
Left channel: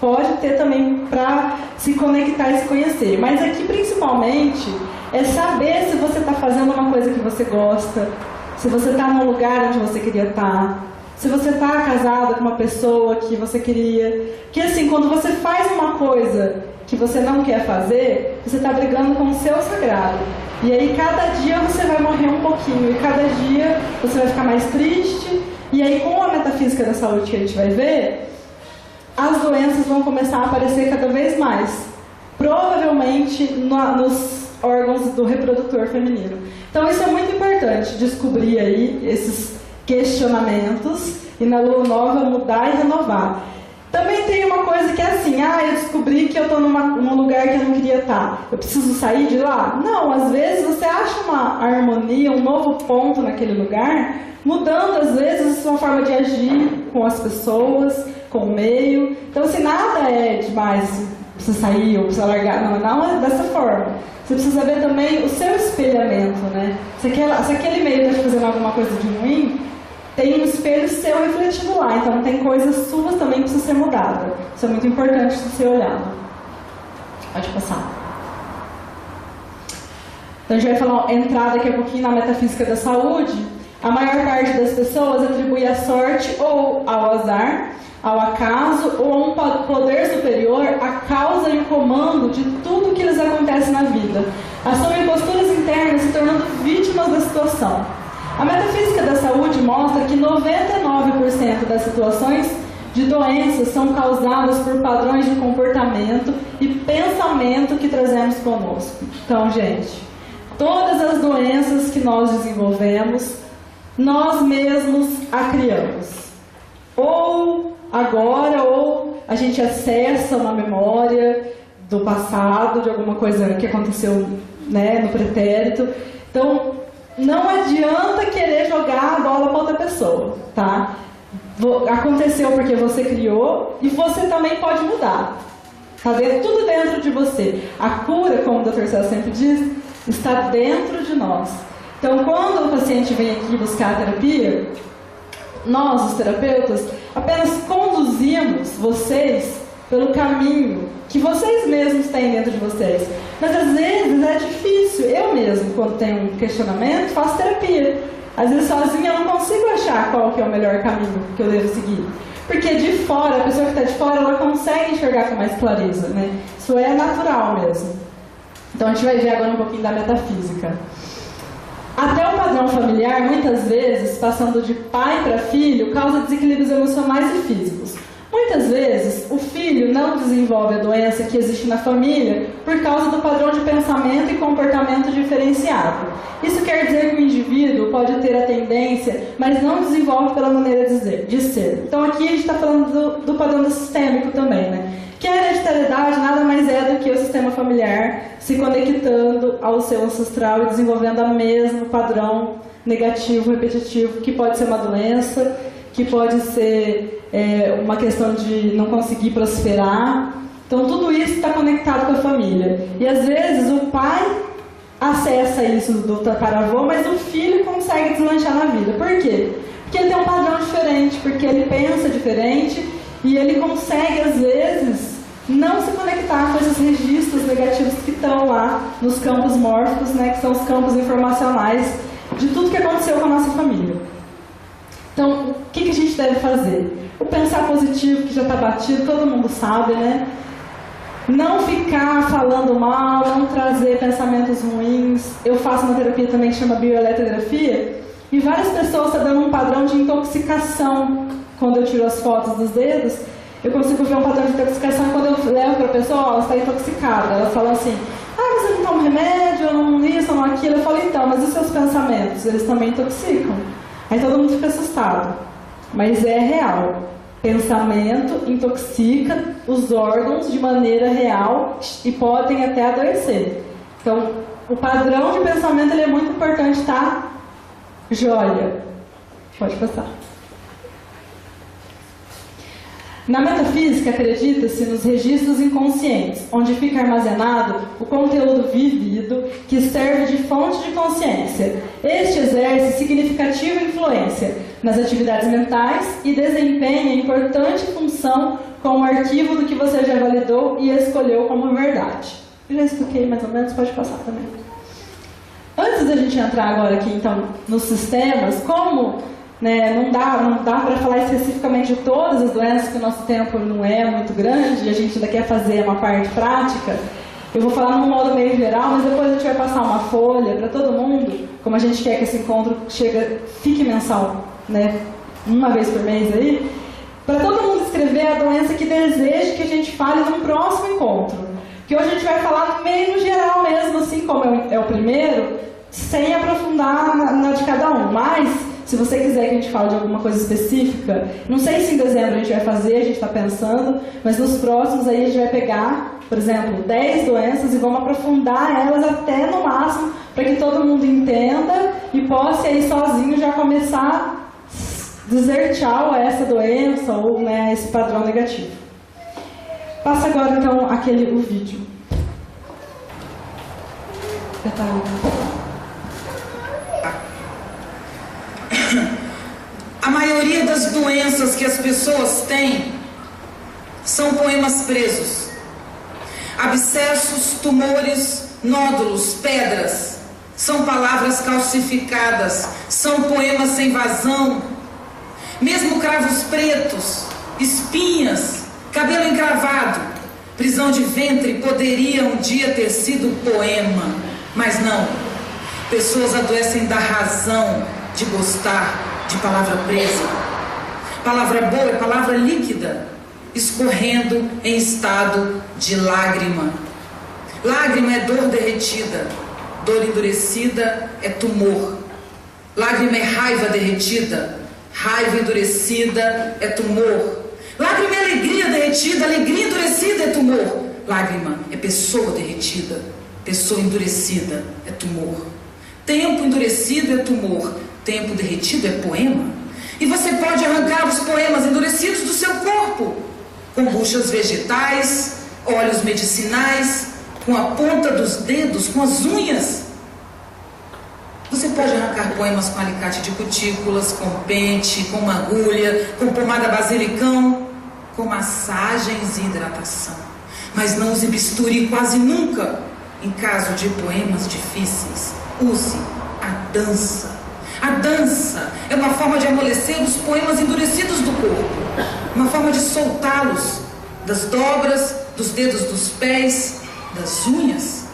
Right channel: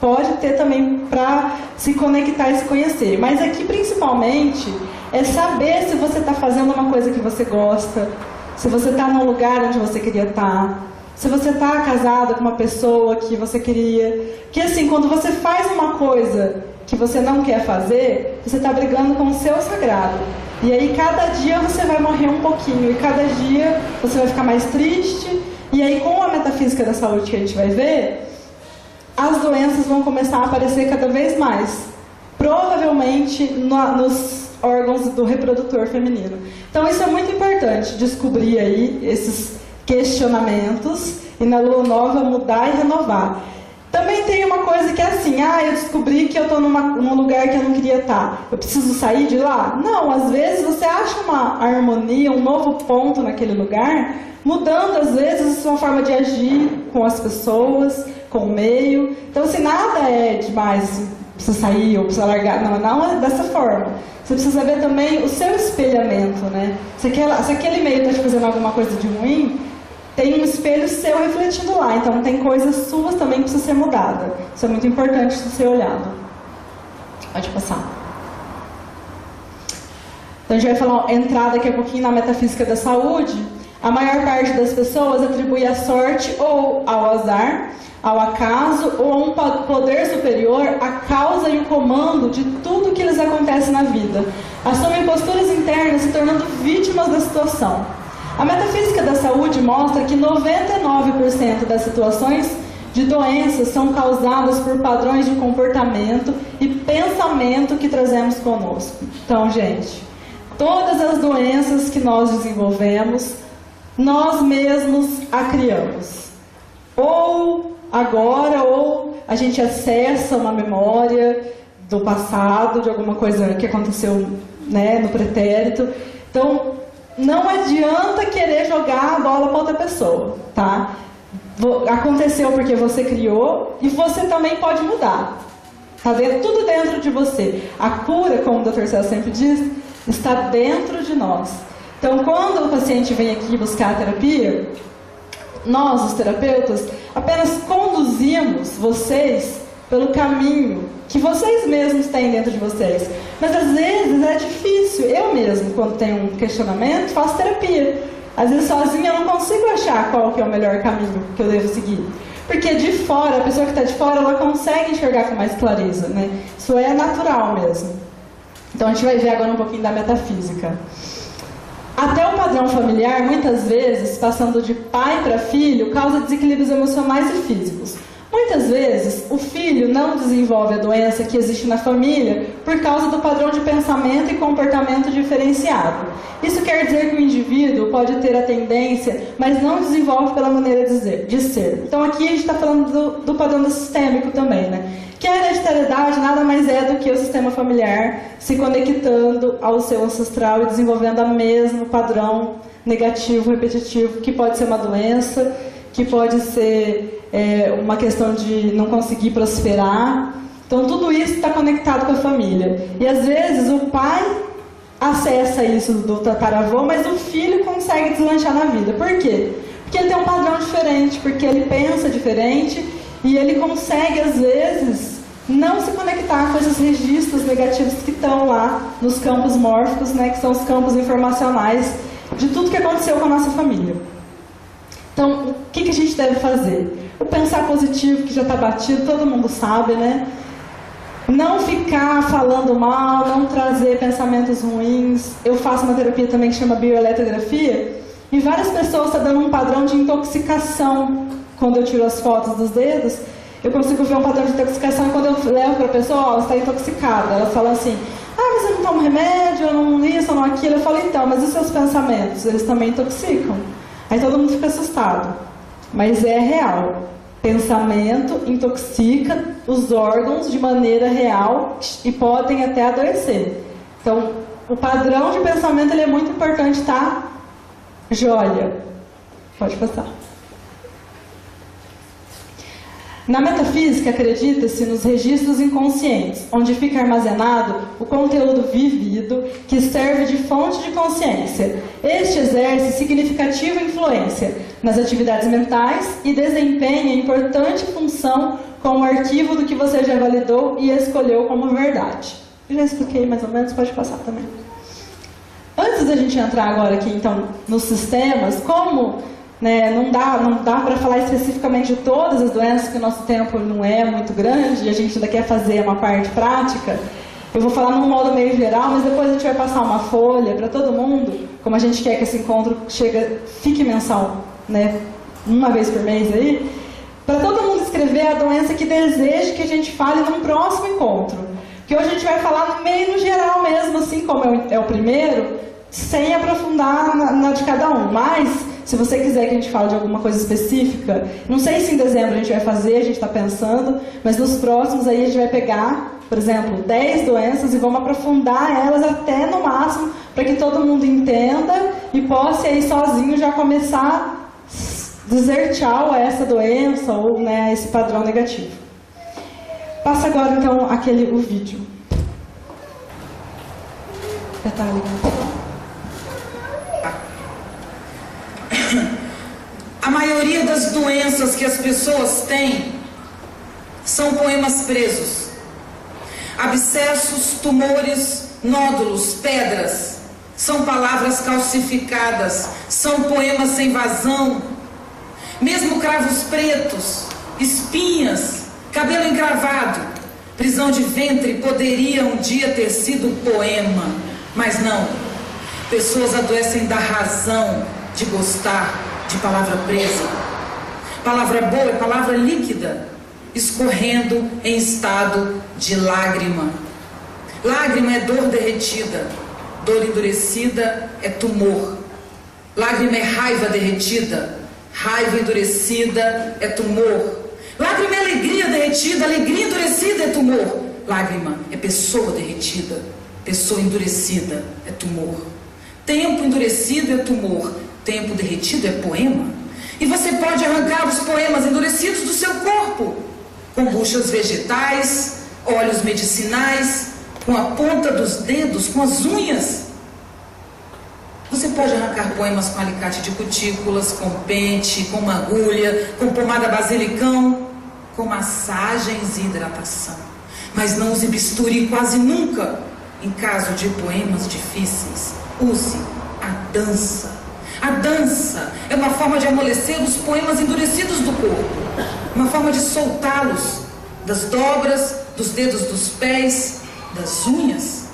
pode ter também para se conectar e se conhecer. Mas aqui, principalmente, é saber se você está fazendo uma coisa que você gosta, se você está num lugar onde você queria estar, se você está casada com uma pessoa que você queria. Que assim, quando você faz uma coisa que você não quer fazer, você está brigando com o seu sagrado. E aí cada dia você vai morrer um pouquinho, e cada dia você vai ficar mais triste, e aí com a metafísica da saúde que a gente vai ver, as doenças vão começar a aparecer cada vez mais, provavelmente nos órgãos do reprodutor feminino. Então isso é muito importante, descobrir aí esses questionamentos, e na lua nova mudar e renovar. Também tem uma coisa que é assim, eu descobri que eu estou num lugar que eu não queria estar. Eu preciso sair de lá? Não, às vezes você acha uma harmonia, um novo ponto naquele lugar, mudando às vezes a sua forma de agir com as pessoas, com o meio. Então, assim, nada é demais, precisa sair ou precisa largar. Não é dessa forma. Você precisa ver também o seu espelhamento, né? Se aquele meio está te fazendo alguma coisa de ruim, tem um espelho seu refletindo lá, então tem coisas suas também que precisam ser mudadas. Isso é muito importante de ser olhado. Pode passar. Então a gente vai falar, entrar daqui a pouquinho na metafísica da saúde. A maior parte das pessoas atribui a sorte ou ao azar, ao acaso ou a um poder superior a causa e o comando de tudo que lhes acontece na vida. Assumem posturas internas se tornando vítimas da situação. A metafísica da saúde mostra que 99% das situações de doenças são causadas por padrões de comportamento e pensamento que trazemos conosco. Então, gente, todas as doenças que nós desenvolvemos, nós mesmos a criamos. Ou agora, ou a gente acessa uma memória do passado, de alguma coisa que aconteceu, né, no pretérito. Então, não adianta querer jogar a bola para outra pessoa, tá? Aconteceu porque você criou e você também pode mudar. Tá tudo dentro de você. A cura, como o Dr. Celso sempre diz, está dentro de nós. Então, quando o paciente vem aqui buscar a terapia, nós, os terapeutas, apenas conduzimos vocês pelo caminho que vocês mesmos têm dentro de vocês. Mas às vezes é difícil. Eu mesmo, quando tenho um questionamento, faço terapia. Às vezes sozinha eu não consigo achar qual que é o melhor caminho que eu devo seguir. Porque de fora, a pessoa que está de fora, ela consegue enxergar com mais clareza, né? Isso é natural mesmo. Então a gente vai ver agora um pouquinho da metafísica. Até o padrão familiar, muitas vezes, passando de pai para filho, causa desequilíbrios emocionais e físicos. Muitas vezes, o filho não desenvolve a doença que existe na família por causa do padrão de pensamento e comportamento diferenciado. Isso quer dizer que o indivíduo pode ter a tendência, mas não desenvolve pela maneira de ser. Então aqui a gente está falando do padrão sistêmico também, né? Que a hereditariedade nada mais é do que o sistema familiar se conectando ao seu ancestral e desenvolvendo o mesmo padrão negativo, repetitivo, que pode ser uma doença, que pode ser uma questão de não conseguir prosperar. Então tudo isso está conectado com a família. E às vezes o pai acessa isso do tataravô, mas o filho consegue deslanchar na vida. Por quê? Porque ele tem um padrão diferente, porque ele pensa diferente e ele consegue, às vezes, não se conectar com esses registros negativos que estão lá nos campos mórficos, né, que são os campos informacionais de tudo que aconteceu com a nossa família. Então, o que a gente deve fazer? O pensar positivo, que já está batido, todo mundo sabe, né? Não ficar falando mal, não trazer pensamentos ruins. Eu faço uma terapia também que chama bioeletrografia, e várias pessoas estão dando um padrão de intoxicação. Quando eu tiro as fotos dos dedos, eu consigo ver um padrão de intoxicação, e quando eu levo para a pessoa, ela está intoxicada. Ela fala assim, mas eu não tomo remédio, eu não isso, eu não aquilo. Eu falo, então, mas e os seus pensamentos? Eles também intoxicam. Aí todo mundo fica assustado. Mas é real. Pensamento intoxica os órgãos de maneira real e podem até adoecer. Então, o padrão de pensamento ele é muito importante, tá? Joia. Pode passar. Na metafísica, acredita-se nos registros inconscientes, onde fica armazenado o conteúdo vivido que serve de fonte de consciência. Este exerce significativa influência nas atividades mentais e desempenha importante função como arquivo do que você já validou e escolheu como verdade. Eu já expliquei mais ou menos, pode passar também. Antes da gente entrar agora aqui, então, nos sistemas, como... não dá para falar especificamente de todas as doenças, que o nosso tempo não é muito grande e a gente ainda quer fazer uma parte prática. Eu vou falar num modo meio geral, mas depois a gente vai passar uma folha para todo mundo, como a gente quer que esse encontro fique mensal, né? Uma vez por mês aí, para todo mundo escrever a doença que deseja que a gente fale num próximo encontro. Que hoje a gente vai falar meio no geral mesmo, assim como é o primeiro, sem aprofundar na de cada um, mas... Se você quiser que a gente fale de alguma coisa específica, não sei se em dezembro a gente vai fazer, a gente está pensando, mas nos próximos aí a gente vai pegar, por exemplo, 10 doenças e vamos aprofundar elas até no máximo, para que todo mundo entenda e possa aí sozinho já começar a dizer tchau a essa doença ou a esse padrão negativo. Passa agora então o vídeo. A maioria das doenças que as pessoas têm são poemas presos. Abscessos, tumores, nódulos, pedras, são palavras calcificadas, são poemas sem vazão. Mesmo cravos pretos, espinhas, cabelo encravado, prisão de ventre poderia um dia ter sido poema, mas não. Pessoas adoecem da razão de gostar de palavra presa. Palavra boa é palavra líquida, escorrendo em estado de lágrima. Lágrima é dor derretida, dor endurecida é tumor. Lágrima é raiva derretida, raiva endurecida é tumor. Lágrima é alegria derretida, alegria endurecida é tumor. Lágrima é pessoa derretida, pessoa endurecida é tumor. Tempo endurecido é tumor, tempo derretido é poema. E você pode arrancar os poemas endurecidos do seu corpo, com buchas vegetais, óleos medicinais, com a ponta dos dedos, com as unhas. Você pode arrancar poemas com alicate de cutículas, com pente, com uma agulha, com pomada basilicão, com massagens e hidratação. Mas não use bisturi quase nunca. Em caso de poemas difíceis, use a dança. A dança é uma forma de amolecer os poemas endurecidos do corpo, uma forma de soltá-los das dobras, dos dedos dos pés, das unhas.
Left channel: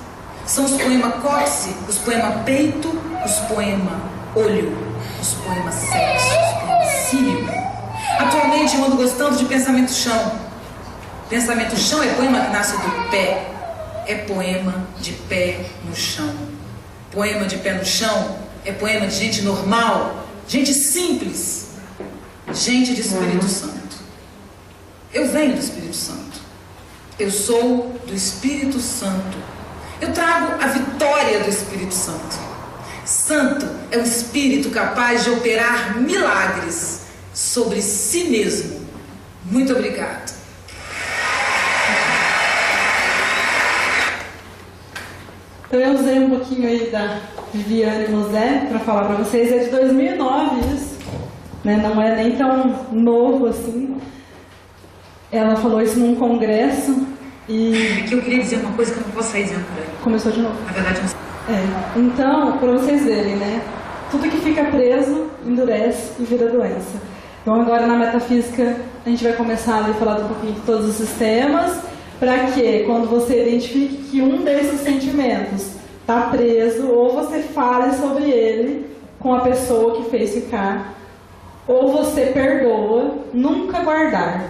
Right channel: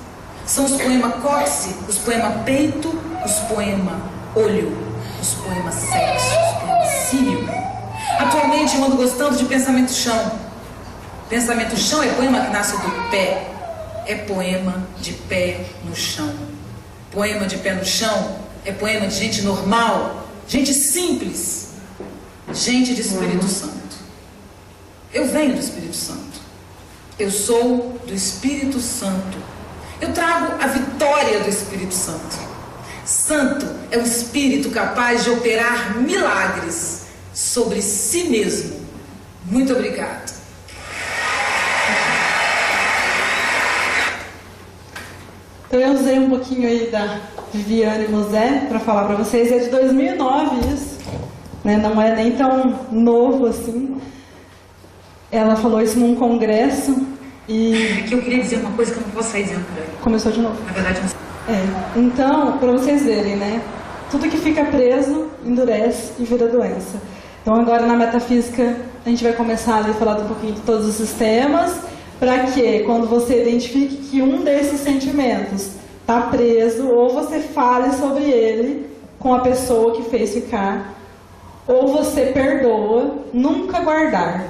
São os poemas cóccix, os poemas peito, os poemas olho, os poemas sexo, os poemas cílio. Atualmente eu ando gostando de pensamento chão. Pensamento chão é poema que nasce do pé, é poema de pé no chão. Poema de pé no chão é poema de gente normal, gente simples, gente de Espírito Santo. Eu venho do Espírito Santo. Eu sou do Espírito Santo. Eu trago a vitória do Espírito Santo. Santo é o Espírito capaz de operar milagres sobre si mesmo. Muito obrigado. Então eu usei um pouquinho aí da Viviane Mosé para falar para vocês. É de 2009 isso, né? Não é nem tão novo assim. Ela falou isso num congresso e... Que eu queria dizer uma coisa que eu não posso sair dizendo por aí. Começou de novo. Na verdade, não sei. Então, para vocês verem, né? Tudo que fica preso endurece e vira doença. Então agora na metafísica a gente vai começar a falar um pouquinho de todos os sistemas, para que quando você identifique que um desses sentimentos está preso, ou você fale sobre ele com a pessoa que fez ficar, ou você perdoa, nunca guardar.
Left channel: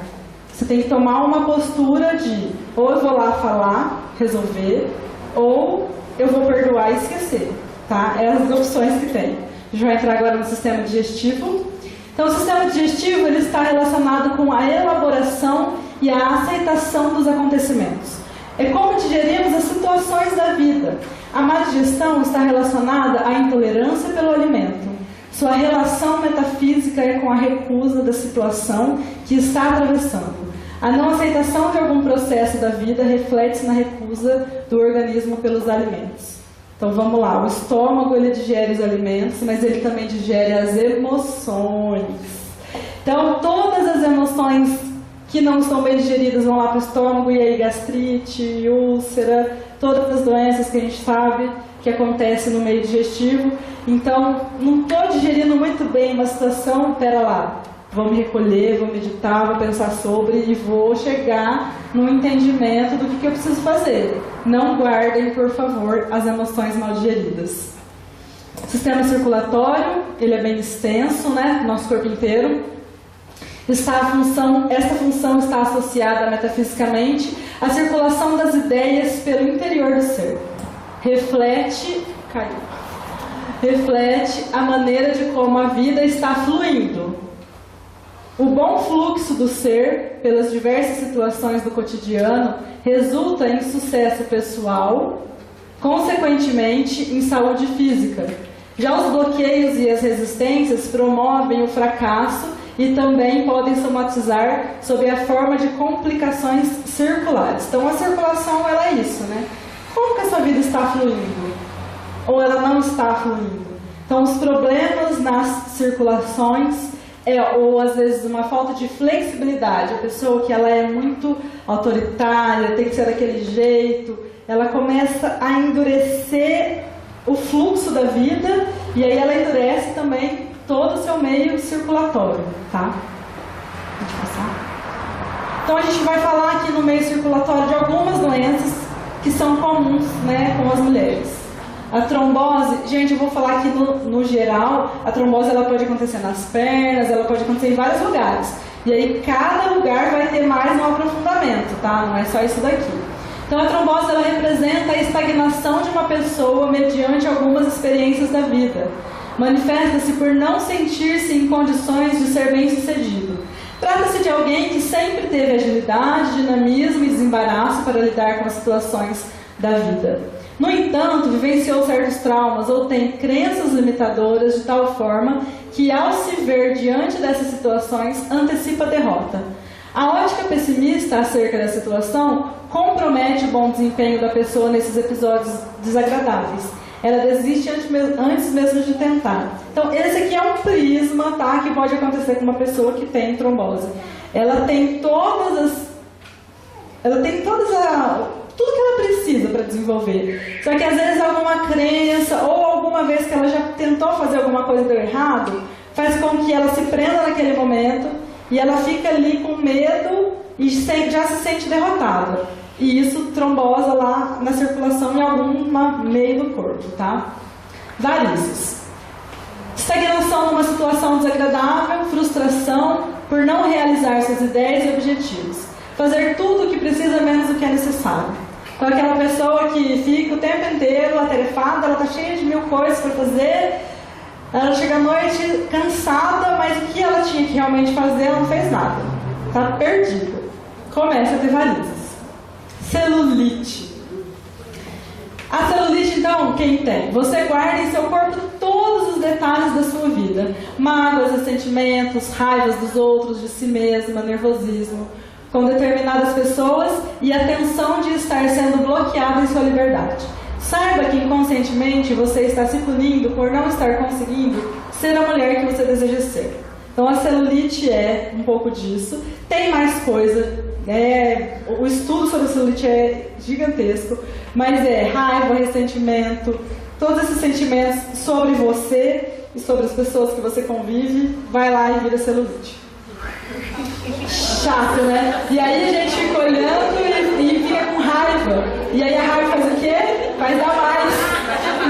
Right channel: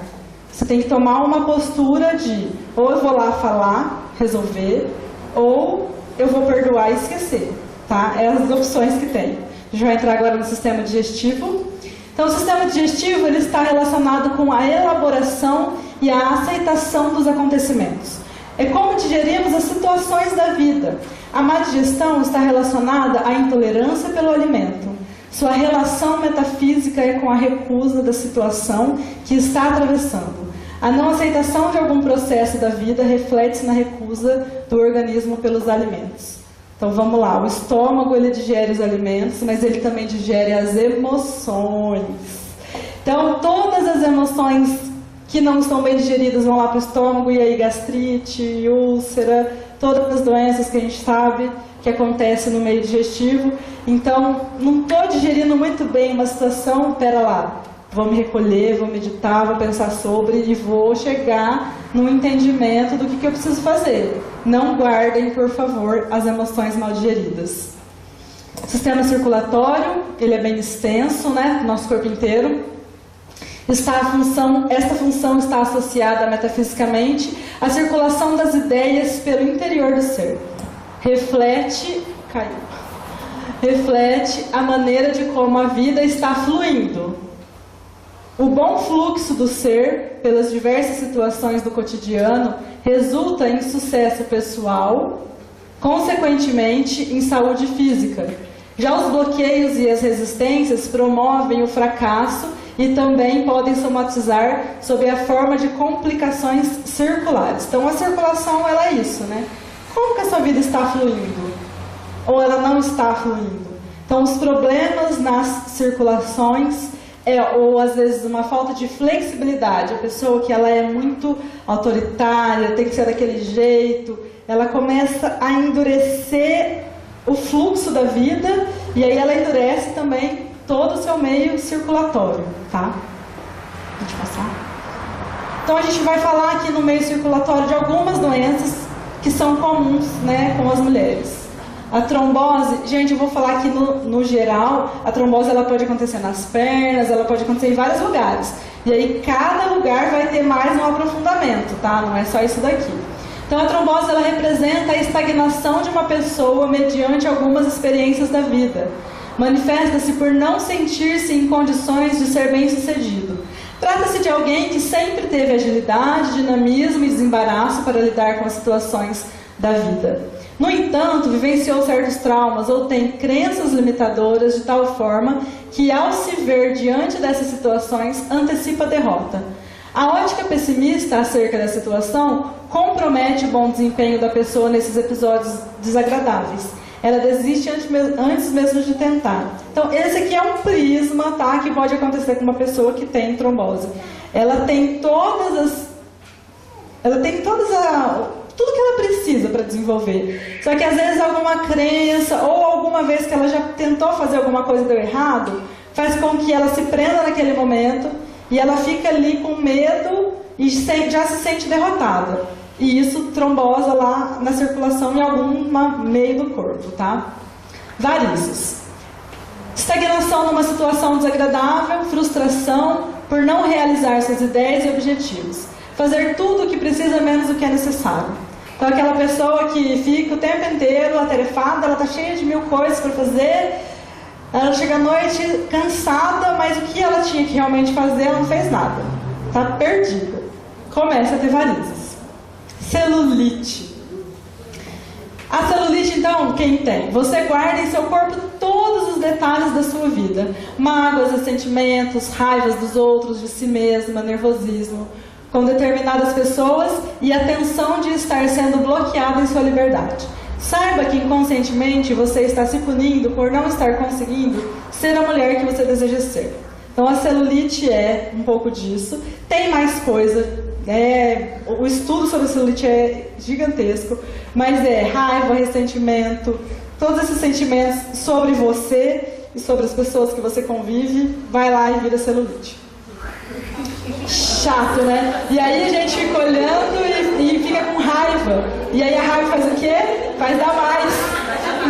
Você tem que tomar uma postura de ou eu vou lá falar, resolver, ou eu vou perdoar e esquecer, tá? É as opções que tem. A gente vai entrar agora no sistema digestivo. Então, o sistema digestivo ele está relacionado com a elaboração e a aceitação dos acontecimentos. É como digerimos as situações da vida. A má digestão está relacionada à intolerância pelo alimento. Sua relação metafísica é com a recusa da situação que está atravessando. A não aceitação de algum processo da vida reflete-se na recusa do organismo pelos alimentos. Então vamos lá, o estômago ele digere os alimentos, mas ele também digere as emoções. Então todas as emoções que não estão bem digeridas vão lá para o estômago, e aí gastrite, úlcera, todas as doenças que a gente sabe que acontecem no meio digestivo. Então, não estou digerindo muito bem uma situação, pera lá, vou me recolher, vou meditar, vou pensar sobre e vou chegar no entendimento do que eu preciso fazer. Não guardem, por favor, as emoções mal digeridas. O sistema circulatório, ele é bem extenso, né, nosso corpo inteiro. Esta função está associada metafisicamente à circulação das ideias pelo interior do ser. Reflete a maneira de como a vida está fluindo. O bom fluxo do ser pelas diversas situações do cotidiano resulta em sucesso pessoal, consequentemente em saúde física. Já os bloqueios e as resistências promovem o fracasso e também podem somatizar sob a forma de complicações circulares. Então a circulação ela é isso, né? Como que a sua vida está fluindo? Ou ela não está fluindo? Então os problemas nas circulações ou às vezes uma falta de flexibilidade. A pessoa que ela é muito autoritária, tem que ser daquele jeito, ela começa a endurecer o fluxo da vida e aí ela endurece também todo o seu meio circulatório, tá? Deixa eu passar. Então a gente vai falar aqui no meio circulatório de algumas doenças que são comuns, né, com as mulheres. A trombose, gente, eu vou falar aqui no geral, a trombose ela pode acontecer nas pernas, ela pode acontecer em vários lugares. E aí cada lugar vai ter mais um aprofundamento, tá? Não é só isso daqui. Então a trombose ela representa a estagnação de uma pessoa mediante algumas experiências da vida. Manifesta-se por não sentir-se em condições de ser bem-sucedido. Trata-se de alguém que sempre teve agilidade, dinamismo e desembaraço para lidar com as situações da vida. No entanto, vivenciou certos traumas ou tem crenças limitadoras de tal forma que, ao se ver diante dessas situações, antecipa a derrota. A ótica pessimista acerca da situação compromete o bom desempenho da pessoa nesses episódios desagradáveis. Ela desiste antes mesmo de tentar. Então, esse aqui é um prisma, tá, que pode acontecer com uma pessoa que tem trombose. Ela tem tudo que ela precisa para desenvolver. Só que às vezes alguma crença ou alguma vez que ela já tentou fazer alguma coisa e deu errado, faz com que ela se prenda naquele momento e ela fica ali com medo e já se sente derrotada. E isso trombosa lá na circulação em algum meio do corpo, tá? Varizes. Estagnação numa situação desagradável, frustração por não realizar suas ideias e objetivos. Fazer tudo o que precisa menos do que é necessário. Então, aquela pessoa que fica o tempo inteiro atarefada, ela está cheia de 1000 coisas para fazer, ela chega à noite cansada, mas o que ela tinha que realmente fazer, ela não fez nada. Está perdida. Começa a ter varizes. Celulite. A celulite, então, quem tem? Você guarda em seu corpo todos os detalhes da sua vida. Mágoas, ressentimentos, raivas dos outros, de si mesma, nervosismo com determinadas pessoas e a tensão de estar sendo bloqueado em sua liberdade. Saiba que inconscientemente você está se punindo por não estar conseguindo ser a mulher que você deseja ser. Então a celulite é um pouco disso. Tem mais coisa, o estudo sobre a celulite é gigantesco, mas é raiva, ressentimento, todos esses sentimentos sobre você e sobre as pessoas que você convive, vai lá e vira celulite. Chato, né? E aí a gente fica olhando e fica com raiva. E aí a raiva faz o quê? Faz dar mais.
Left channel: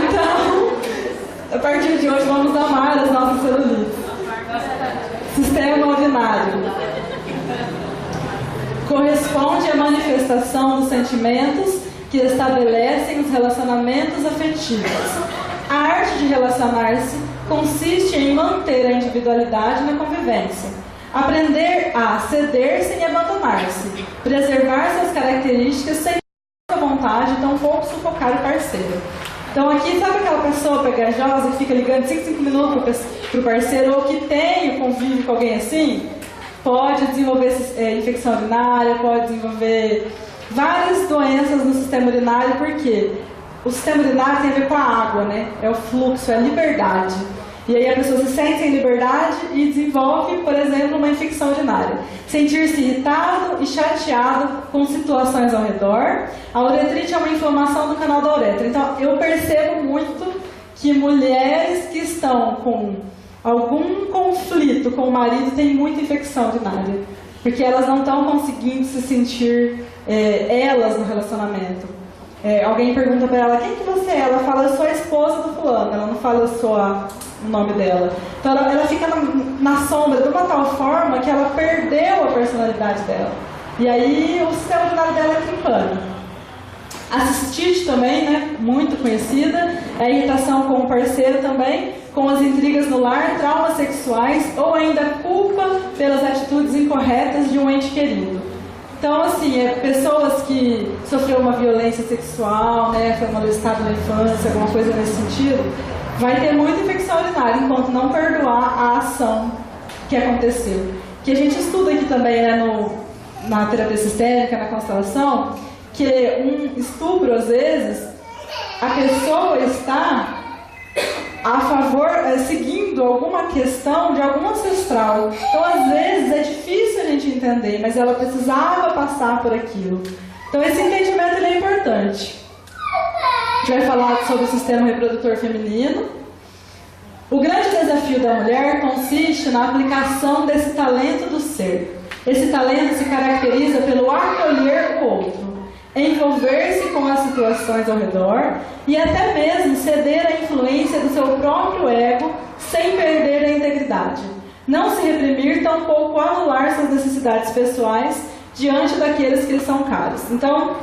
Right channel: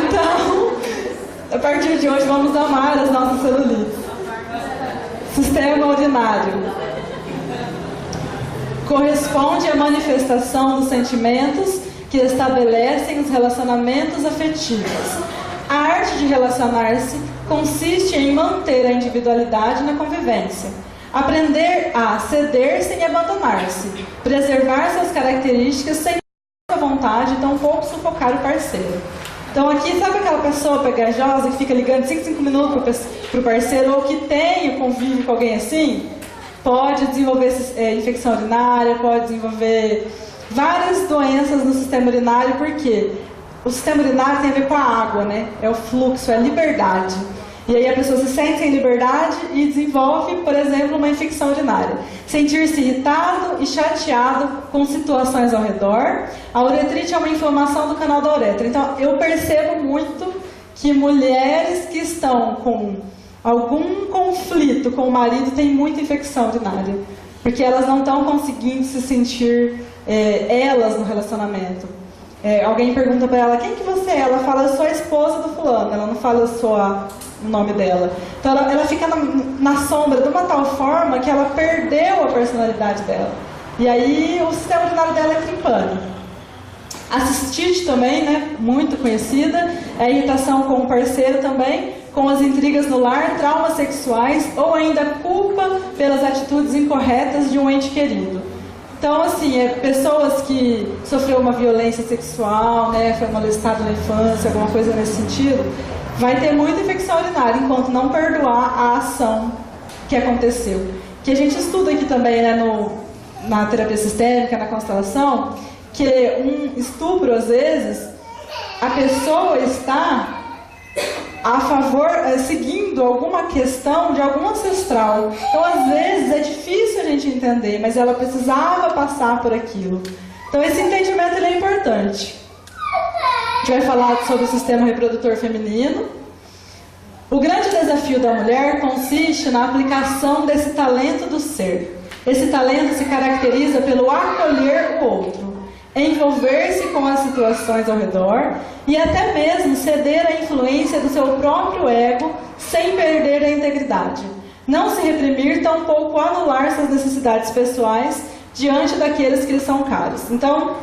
Então, a partir de hoje vamos amar as nossas celulites. Sistema urinário. Corresponde à manifestação dos sentimentos que estabelecem os relacionamentos afetivos. A arte de relacionar-se consiste em manter a individualidade na convivência. Aprender a ceder sem abandonar-se, preservar suas características sem vontade e tampouco sufocar o parceiro. Então aqui, sabe aquela pessoa pegajosa que fica ligando 5 minutos para o parceiro ou que tem convívio com alguém assim? Pode desenvolver infecção urinária, pode desenvolver várias doenças no sistema urinário, porque o sistema urinário tem a ver com a água, né? É o fluxo, é a liberdade. E aí a pessoa se sente sem liberdade e desenvolve, por exemplo, uma infecção urinária. Sentir-se irritado e chateado com situações ao redor. A uretrite é uma inflamação do canal da uretra. Então, eu percebo muito que mulheres que estão com algum conflito com o marido têm muita infecção urinária. Porque elas não estão conseguindo se sentir elas no relacionamento. Alguém pergunta para ela, quem que você é? Ela fala, eu sou a esposa do fulano. Ela não fala, eu sou o nome dela. Então ela fica na sombra de uma tal forma que ela perdeu a personalidade dela. E aí o sistema urinário dela entra em pânico. A cistite também, né, muito conhecida, é a irritação com o parceiro também, com as intrigas no lar, traumas sexuais ou ainda culpa pelas atitudes incorretas de um ente querido. Então, assim, pessoas que sofreram uma violência sexual, né, foi molestado na infância, alguma coisa nesse sentido, vai ter muita infecção urinária enquanto não perdoar a ação que aconteceu. Que a gente estuda aqui também, né, na terapia sistêmica, na constelação, que um estupro, às vezes, a pessoa está a favor, seguindo alguma questão de algum ancestral. Então, às vezes, é difícil a gente entender, mas ela precisava passar por aquilo. Então, esse entendimento ele é importante. A gente vai falar sobre o sistema reprodutor feminino. O grande desafio da mulher consiste na aplicação desse talento do ser. Esse talento se caracteriza pelo acolher o outro, envolver-se com as situações ao redor e até mesmo ceder à influência do seu próprio ego sem perder a integridade. Não se reprimir, tampouco anular suas necessidades pessoais diante daqueles que lhe são caros. Então,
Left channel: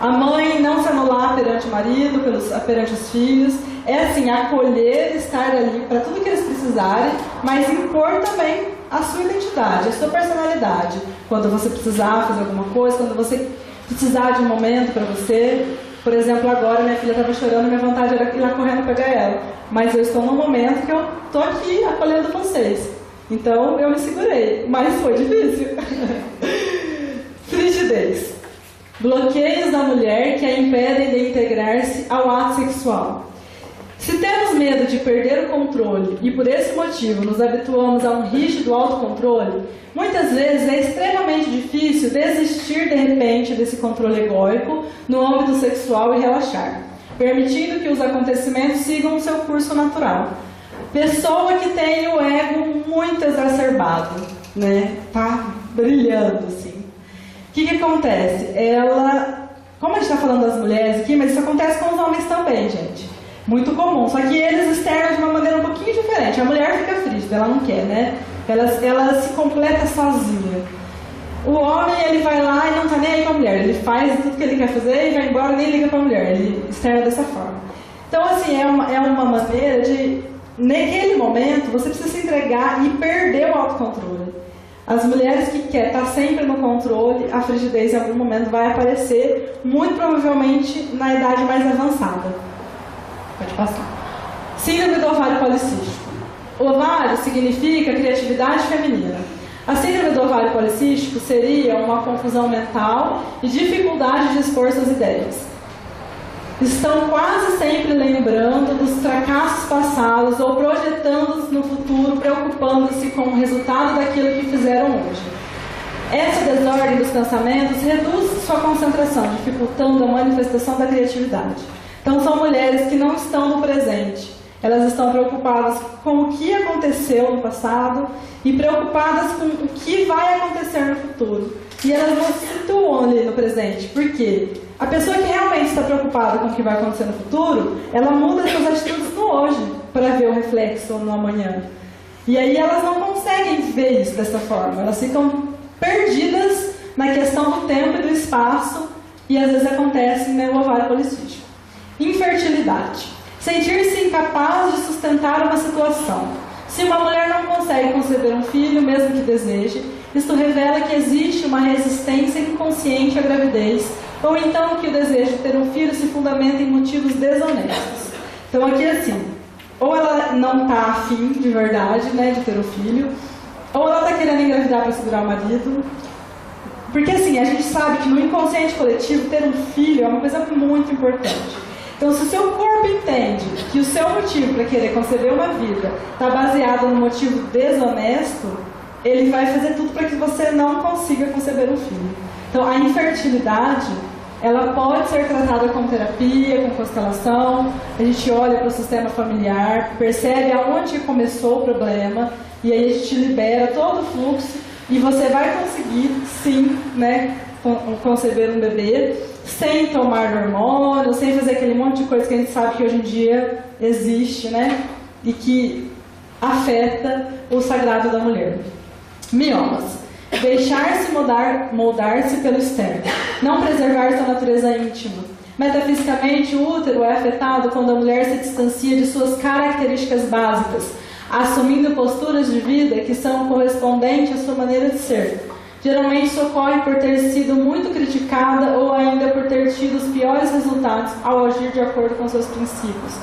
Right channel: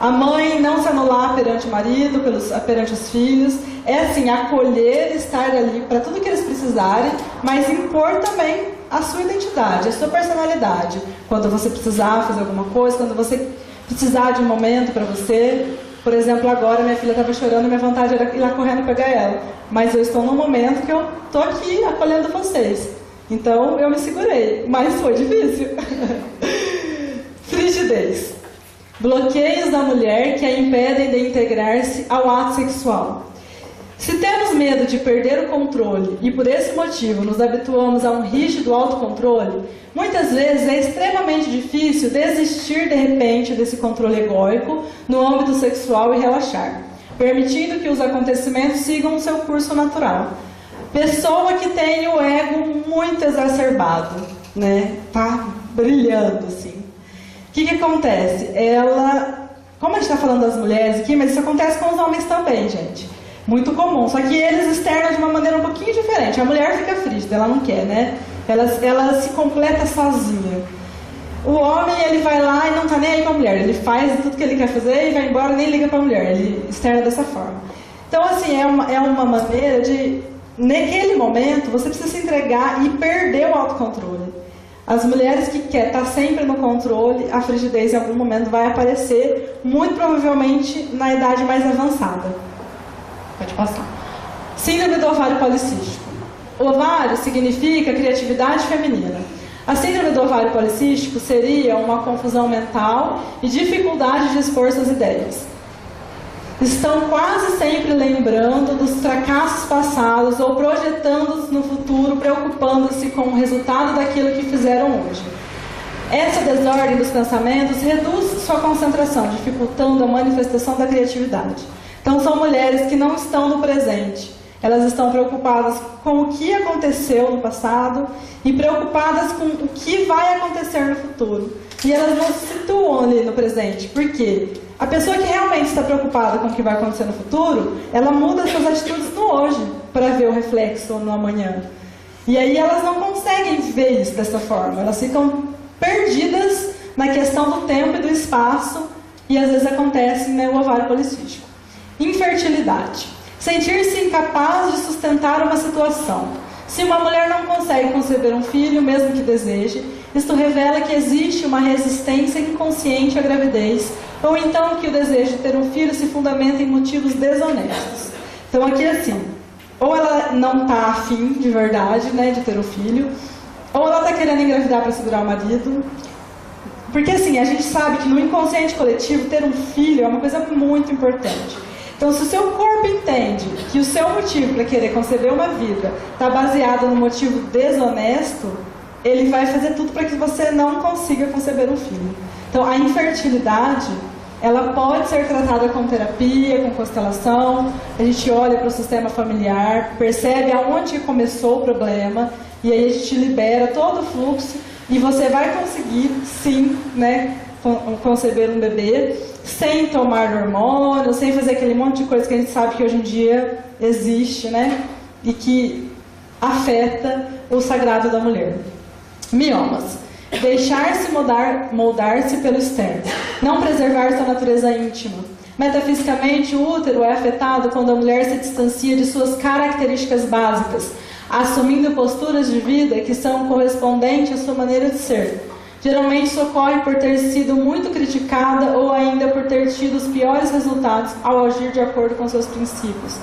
a mãe não se anular perante o marido, perante os filhos, é assim, acolher, estar ali para tudo que eles precisarem, mas impor também a sua identidade, a sua personalidade. Quando você precisar fazer alguma coisa, quando você precisar de um momento para você. Por exemplo, agora minha filha estava chorando, minha vontade era ir lá correndo pegar ela. Mas eu estou num momento que eu estou aqui acolhendo vocês. Então eu me segurei, mas foi difícil. Frigidez. Bloqueios da mulher que a impedem de integrar-se ao ato sexual. Se temos medo de perder o controle e por esse motivo nos habituamos a um rígido autocontrole, muitas vezes é extremamente difícil desistir de repente desse controle egóico no âmbito sexual e relaxar, permitindo que os acontecimentos sigam o seu curso natural. Pessoa que tem o ego muito exacerbado, né? Tá brilhando assim. O que acontece? Ela, como a gente está falando das mulheres aqui, mas isso acontece com os homens também, gente. Muito comum, só que eles externam de uma maneira um pouquinho diferente. A mulher fica frígida, ela não quer, né? Ela se completa sozinha. O homem, ele vai lá e não tá nem aí com a mulher. Ele faz tudo que ele quer fazer e vai embora e nem liga pra mulher. Ele externa dessa forma. Então, assim, é uma maneira de... Naquele momento, você precisa se entregar e perder o autocontrole. As mulheres que querem estar sempre no controle, a frigidez em algum momento vai aparecer, muito provavelmente na idade mais avançada. Pode passar. Síndrome do ovário policístico. O ovário significa criatividade feminina. A síndrome do ovário policístico seria uma confusão mental e dificuldade de expor suas ideias. Estão quase sempre lembrando dos fracassos passados ou projetando-os no futuro, preocupando-se com o resultado daquilo que fizeram hoje. Essa desordem dos pensamentos reduz sua concentração, dificultando a manifestação da criatividade. Então, são mulheres que não estão no presente. Elas estão preocupadas com o que aconteceu no passado e preocupadas com o que vai acontecer no futuro. E elas não se situam ali no presente. Por quê? A pessoa que realmente está preocupada com o que vai acontecer no futuro, ela muda suas atitudes no hoje para ver o reflexo no amanhã. E aí elas não conseguem ver isso dessa forma. Elas ficam perdidas na questão do tempo e do espaço e às vezes acontece, né, o ovário policístico. Infertilidade. Sentir-se incapaz de sustentar uma situação. Se uma mulher não consegue conceber um filho, mesmo que deseje, isto revela que existe uma resistência inconsciente à gravidez, ou então que o desejo de ter um filho se fundamenta em motivos desonestos. Então aqui assim, ou ela não está afim de verdade, né, de ter um filho, ou ela está querendo engravidar para segurar o marido. Porque assim, a gente sabe que no inconsciente coletivo ter um filho é uma coisa muito importante. Então, se o seu corpo entende que o seu motivo para querer conceber uma vida está baseado no motivo desonesto, ele vai fazer tudo para que você não consiga conceber um filho. Então, a infertilidade, ela pode ser tratada com terapia, com constelação. A gente olha para o sistema familiar, percebe aonde começou o problema, e aí a gente libera todo o fluxo, e você vai conseguir, sim, né, conceber um bebê, sem tomar hormônio, sem fazer aquele monte de coisa que a gente sabe que hoje em dia existe, né? E que afeta o sagrado da mulher. Miomas. Deixar-se moldar-se pelo externo. Não preservar sua natureza íntima. Metafisicamente, o útero é afetado quando a mulher se distancia de suas características básicas, assumindo posturas de vida que são correspondentes à sua maneira de ser. Geralmente isso ocorre por ter sido muito criticada ou ainda por ter tido os piores resultados ao agir de acordo com seus princípios.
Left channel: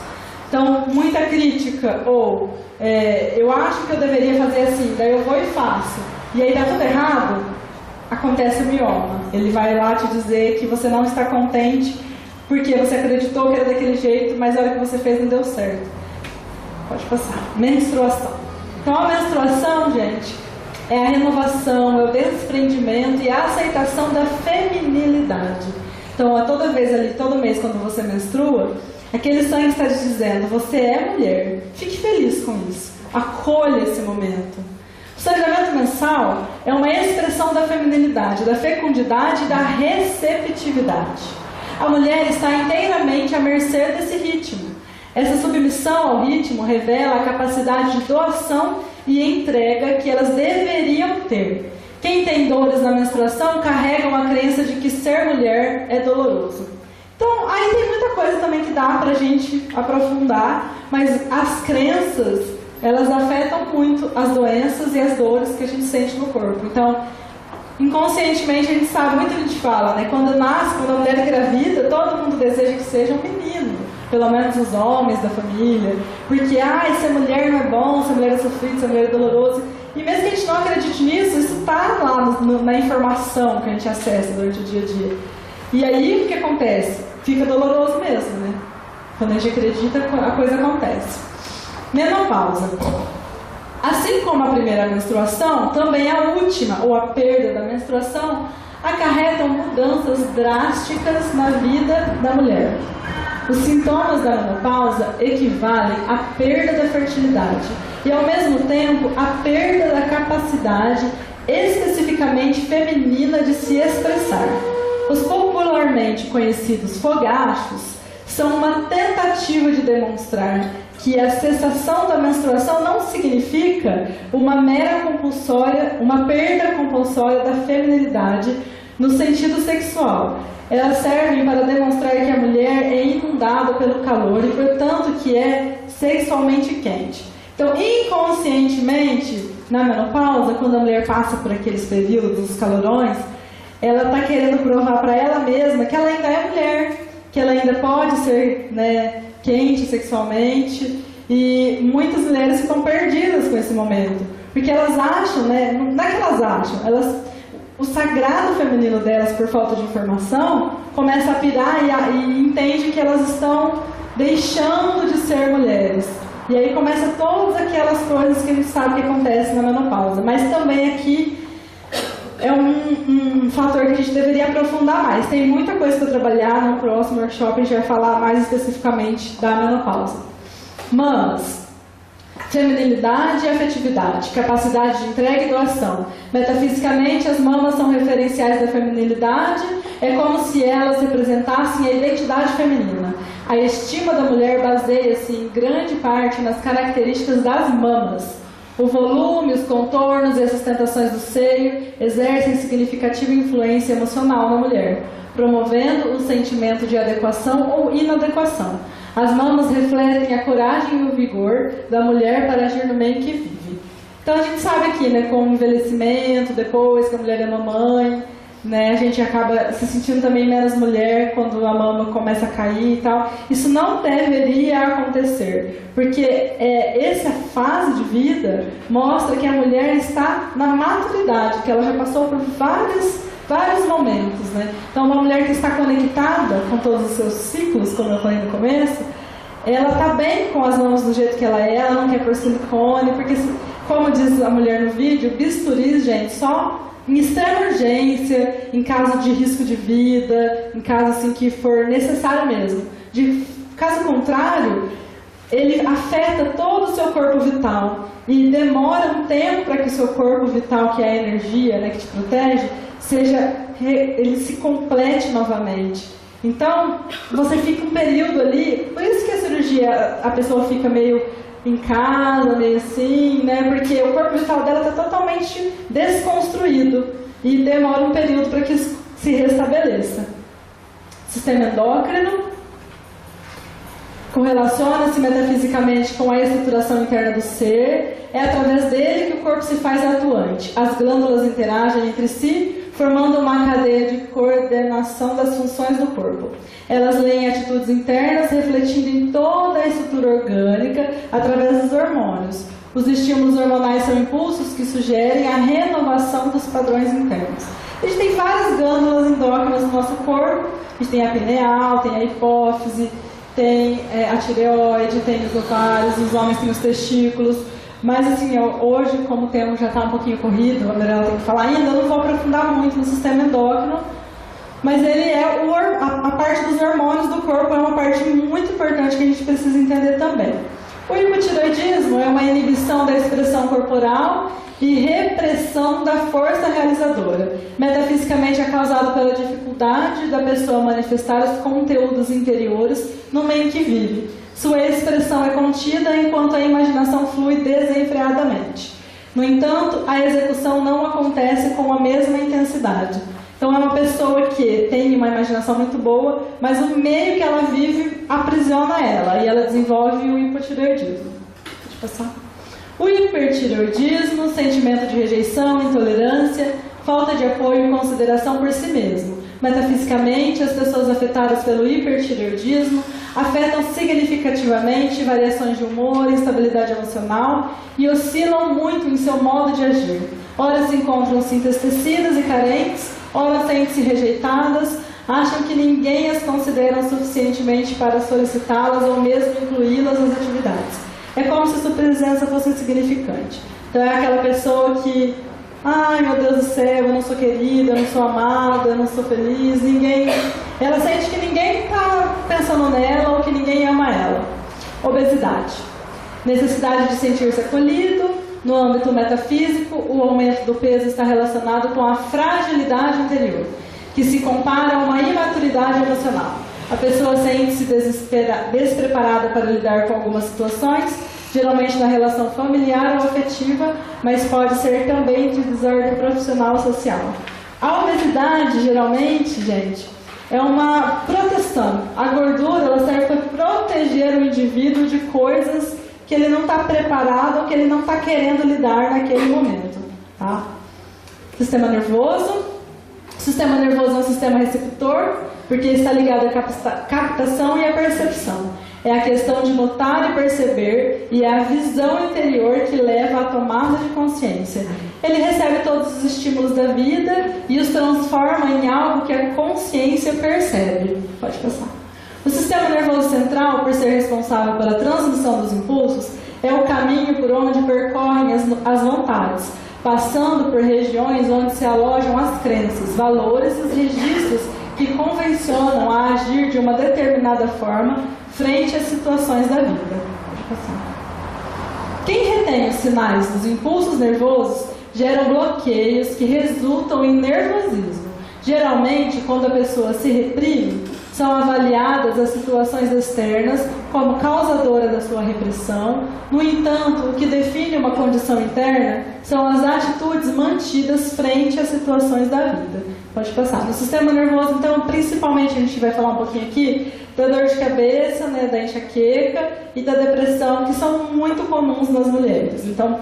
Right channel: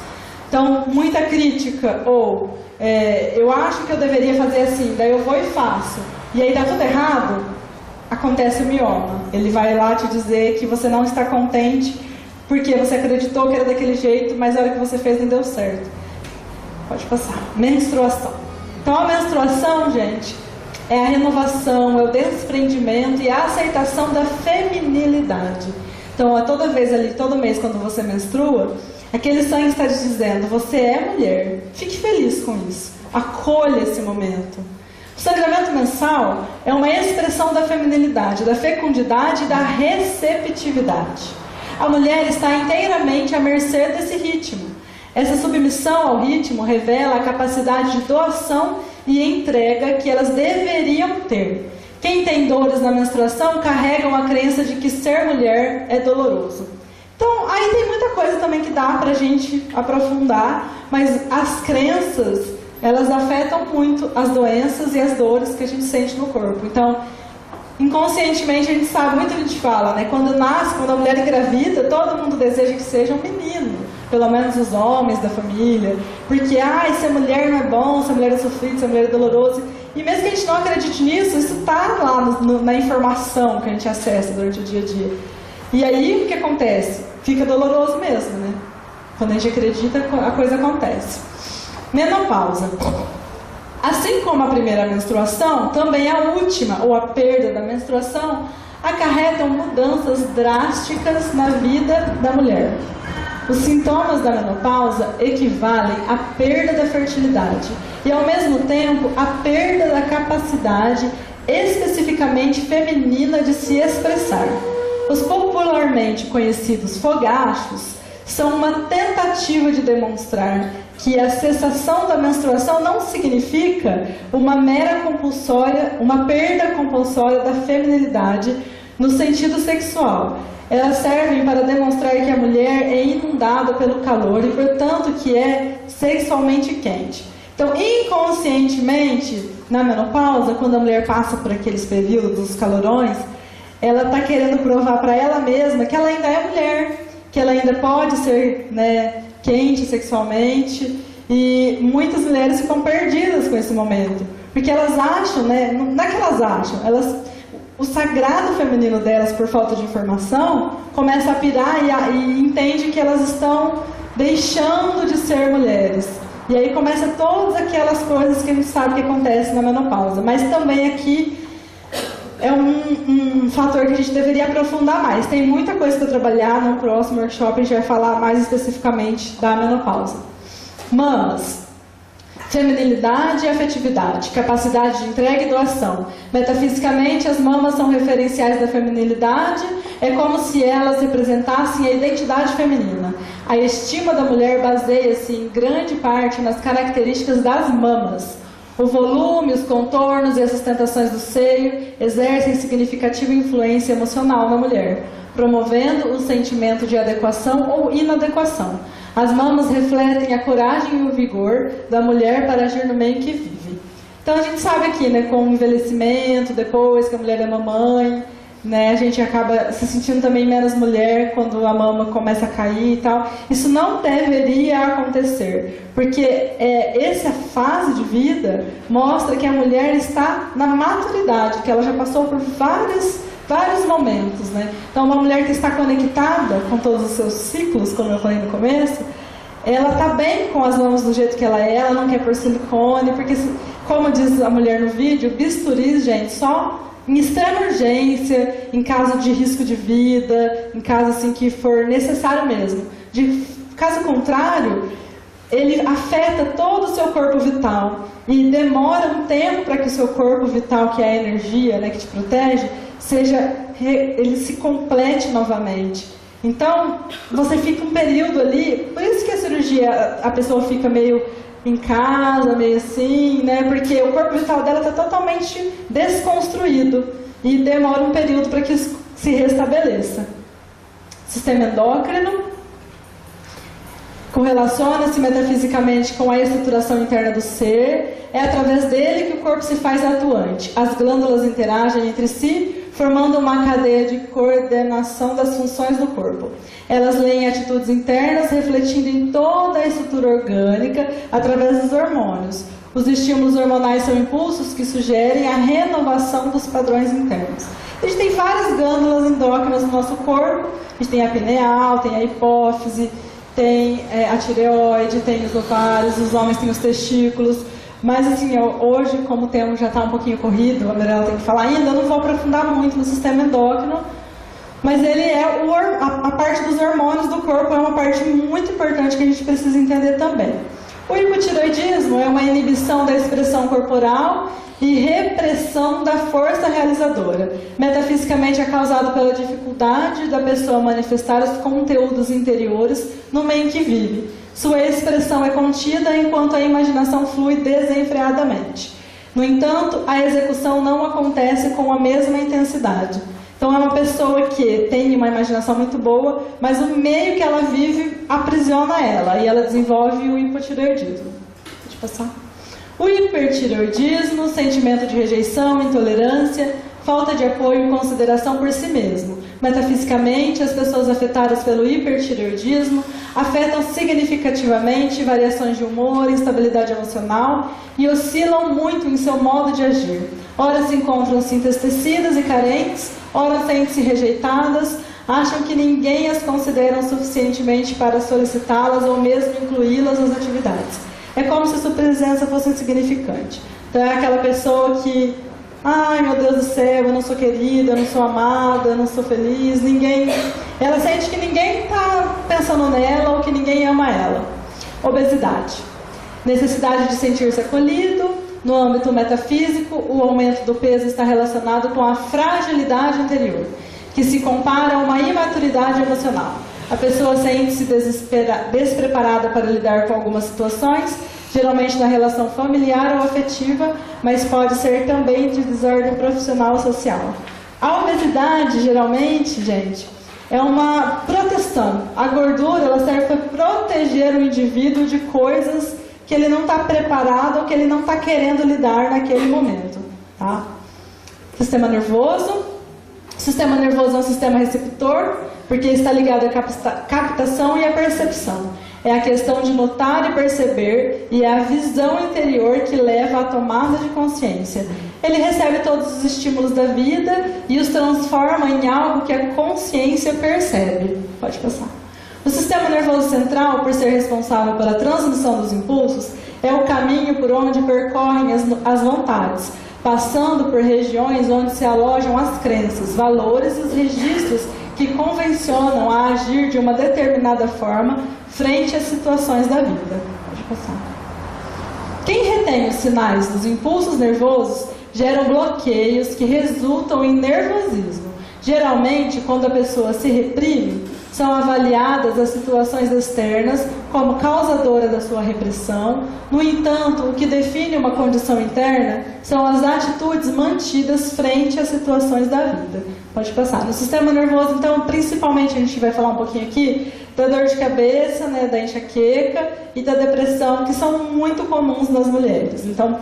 Então, muita crítica ou eu acho que eu deveria fazer assim, daí eu vou e faço. E aí dá tudo errado, acontece o mioma. Ele vai lá te dizer que você não está contente porque você acreditou que era daquele jeito, mas a hora que você fez não deu certo. Pode passar. Menstruação. Então a menstruação, gente, é a renovação, é o desprendimento e a aceitação da feminilidade. Então, toda vez ali, todo mês, quando você menstrua, aquele sangue está te dizendo, você é mulher, fique feliz com isso, acolha esse momento. O sangramento mensal é uma expressão da feminilidade, da fecundidade e da receptividade. A mulher está inteiramente à mercê desse ritmo. Essa submissão ao ritmo revela a capacidade de doação e entrega que elas deveriam ter. Quem tem dores na menstruação carregam a crença de que ser mulher é doloroso. Então, aí tem muita coisa também que dá pra gente aprofundar, mas as crenças, elas afetam muito as doenças e as dores que a gente sente no corpo. Então, Inconscientemente a gente sabe, muita gente fala, né? Quando a mulher engravida, todo mundo deseja que seja um menino, pelo menos os homens da família, porque ser mulher não é bom, ser mulher é sofrido, ser mulher é doloroso. E mesmo que a gente não acredite nisso, isso está lá na informação que a gente acessa durante o dia a dia. E aí o que acontece? Fica doloroso mesmo, né? Quando a gente acredita, a coisa acontece. Menopausa. Assim como a primeira menstruação, também a última, ou a perda da menstruação, acarretam mudanças drásticas na vida da mulher. Os sintomas da menopausa equivalem à perda da fertilidade e, ao mesmo tempo, à perda da capacidade especificamente feminina de se expressar. Os popularmente conhecidos fogachos são uma tentativa de demonstrar que a cessação da menstruação não significa uma perda compulsória da feminilidade no sentido sexual. Elas servem para demonstrar que a mulher é inundada pelo calor e, portanto, que é sexualmente quente. Então, inconscientemente, na menopausa, quando a mulher passa por aqueles períodos dos calorões, ela está querendo provar para ela mesma que ela ainda é mulher, que ela ainda pode ser, né, quente sexualmente, e muitas mulheres ficam perdidas com esse momento, porque elas acham, né, não é que elas acham, o sagrado feminino delas, por falta de informação, começa a pirar e entende que elas estão deixando de ser mulheres. E aí começa todas aquelas coisas que a gente sabe que acontece na menopausa. Mas também aqui é um fator que a gente deveria aprofundar mais. Tem muita coisa para trabalhar. No próximo workshop a gente vai falar mais especificamente da menopausa. Mamas. Feminilidade e afetividade, capacidade de entrega e doação. Metafisicamente, as mamas são referenciais da feminilidade, é como se elas representassem a identidade feminina. A estima da mulher baseia-se em grande parte nas características das mamas. O volume, os contornos e as sustentações do seio exercem significativa influência emocional na mulher, promovendo o sentimento de adequação ou inadequação. As mamas refletem a coragem e o vigor da mulher para agir no meio que vive. Então a gente sabe aqui, né, com o envelhecimento, depois que a mulher é mamãe, né, a gente acaba se sentindo também menos mulher quando a mama começa a cair e tal. Isso não deveria acontecer, porque essa fase de vida mostra que a mulher está na maturidade, que ela já passou por vários momentos, né? Então, uma mulher que está conectada com todos os seus ciclos, como eu falei no começo, ela está bem com as mamas do jeito que ela não quer pôr silicone, porque, como diz a mulher no vídeo, bisturis, gente, só em extrema urgência, em caso de risco de vida, em caso assim que for necessário mesmo. Caso contrário, ele afeta todo o seu corpo vital e demora um tempo para que o seu corpo vital, que é a energia, né, que te protege, ele se complete novamente. Então, você fica um período ali, por isso que a cirurgia, a pessoa fica meio em casa, meio assim, né? Porque o corpo vital dela está totalmente desconstruído e demora um período para que isso se restabeleça. Sistema endócrino correlaciona-se metafisicamente com a estruturação interna do ser. É através dele que o corpo se faz atuante. As glândulas interagem entre si, formando uma cadeia de coordenação das funções do corpo. Elas leem atitudes internas, refletindo em toda a estrutura orgânica através dos hormônios. Os estímulos hormonais são impulsos que sugerem a renovação dos padrões internos. A gente tem várias glândulas endócrinas no nosso corpo. A gente tem a pineal, tem a hipófise, tem a tireoide, tem os ovários, os homens têm os testículos. Mas assim, hoje, como o tempo já está um pouquinho corrido, a Mirella tem que falar ainda, eu não vou aprofundar muito no sistema endócrino, mas ele é a parte dos hormônios do corpo, é uma parte muito importante que a gente precisa entender também. O hipotireoidismo é uma inibição da expressão corporal e repressão da força realizadora. Metafisicamente é causado pela dificuldade da pessoa manifestar os conteúdos interiores no meio em que vive. Sua expressão é contida enquanto a imaginação flui desenfreadamente. No entanto, a execução não acontece com a mesma intensidade. Então é uma pessoa que tem uma imaginação muito boa, mas o meio que ela vive aprisiona ela e ela desenvolve o hipotireoidismo. Pode passar. O hipertireoidismo, sentimento de rejeição, intolerância, falta de apoio e consideração por si mesmo. Metafisicamente, as pessoas afetadas pelo hipertireoidismo afetam significativamente variações de humor, instabilidade emocional e oscilam muito em seu modo de agir. Ora se encontram-se entristecidas e carentes, ora sentem-se rejeitadas, acham que ninguém as considera suficientemente para solicitá-las ou mesmo incluí-las nas atividades. É como se sua presença fosse insignificante. Então é aquela pessoa que, ai meu Deus do céu, eu não sou querida, eu não sou amada, eu não sou feliz, ninguém... Ela sente que ninguém está pensando nela ou que ninguém ama ela. Obesidade. Necessidade de sentir-se acolhido. No âmbito metafísico, o aumento do peso está relacionado com a fragilidade interior, que se compara a uma imaturidade emocional. A pessoa sente-se despreparada para lidar com algumas situações, geralmente na relação familiar ou afetiva, mas pode ser também de desordem profissional ou social. A obesidade, geralmente, gente, é uma proteção. A gordura, ela serve para proteger o indivíduo de coisas que ele não está preparado ou que ele não está querendo lidar naquele momento. Tá? Sistema nervoso. O sistema nervoso é um sistema receptor, porque está ligado à captação e à percepção. É a questão de notar e perceber, e é a visão interior que leva à tomada de consciência. Ele recebe todos os estímulos da vida e os transforma em algo que a consciência percebe. Pode passar. O sistema nervoso central, por ser responsável pela transmissão dos impulsos, é o caminho por onde percorrem as vontades, passando por regiões onde se alojam as crenças, valores e os registros que convencionam a agir de uma determinada forma frente às situações da vida. Pode passar. Quem retém os sinais dos impulsos nervosos geram bloqueios que resultam em nervosismo. Geralmente, quando a pessoa se reprime, são avaliadas as situações externas como causadora da sua repressão. No entanto, o que define uma condição interna são as atitudes mantidas frente às situações da vida. Pode passar. No sistema nervoso, então, principalmente a gente vai falar um pouquinho aqui da dor de cabeça, né, da enxaqueca e da depressão, que são muito comuns nas mulheres. Então,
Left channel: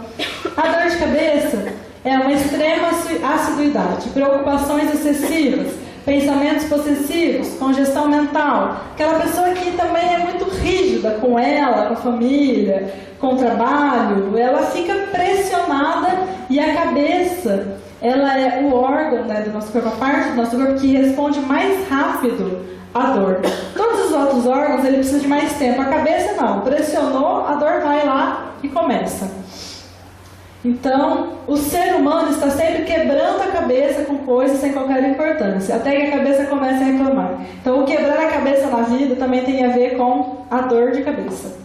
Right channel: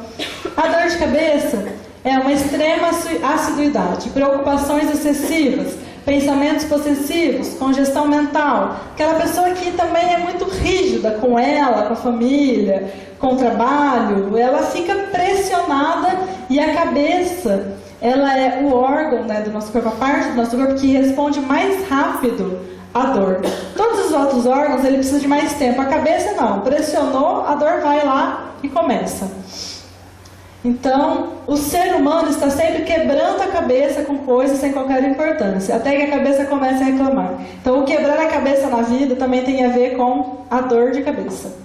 a dor de cabeça é uma extrema assiduidade, preocupações excessivas, pensamentos possessivos, congestão mental. Aquela pessoa que também é muito rígida com ela, com a família, com o trabalho, ela fica pressionada e a cabeça, ela é o órgão, né, do nosso corpo, a parte do nosso corpo que responde mais rápido à dor. Todos os outros órgãos, ele precisa de mais tempo. A cabeça não, pressionou, a dor vai lá e começa. Então, o ser humano está sempre quebrando a cabeça com coisas sem qualquer importância, até que a cabeça comece a reclamar. Então, o quebrar a cabeça na vida também tem a ver com a dor de cabeça.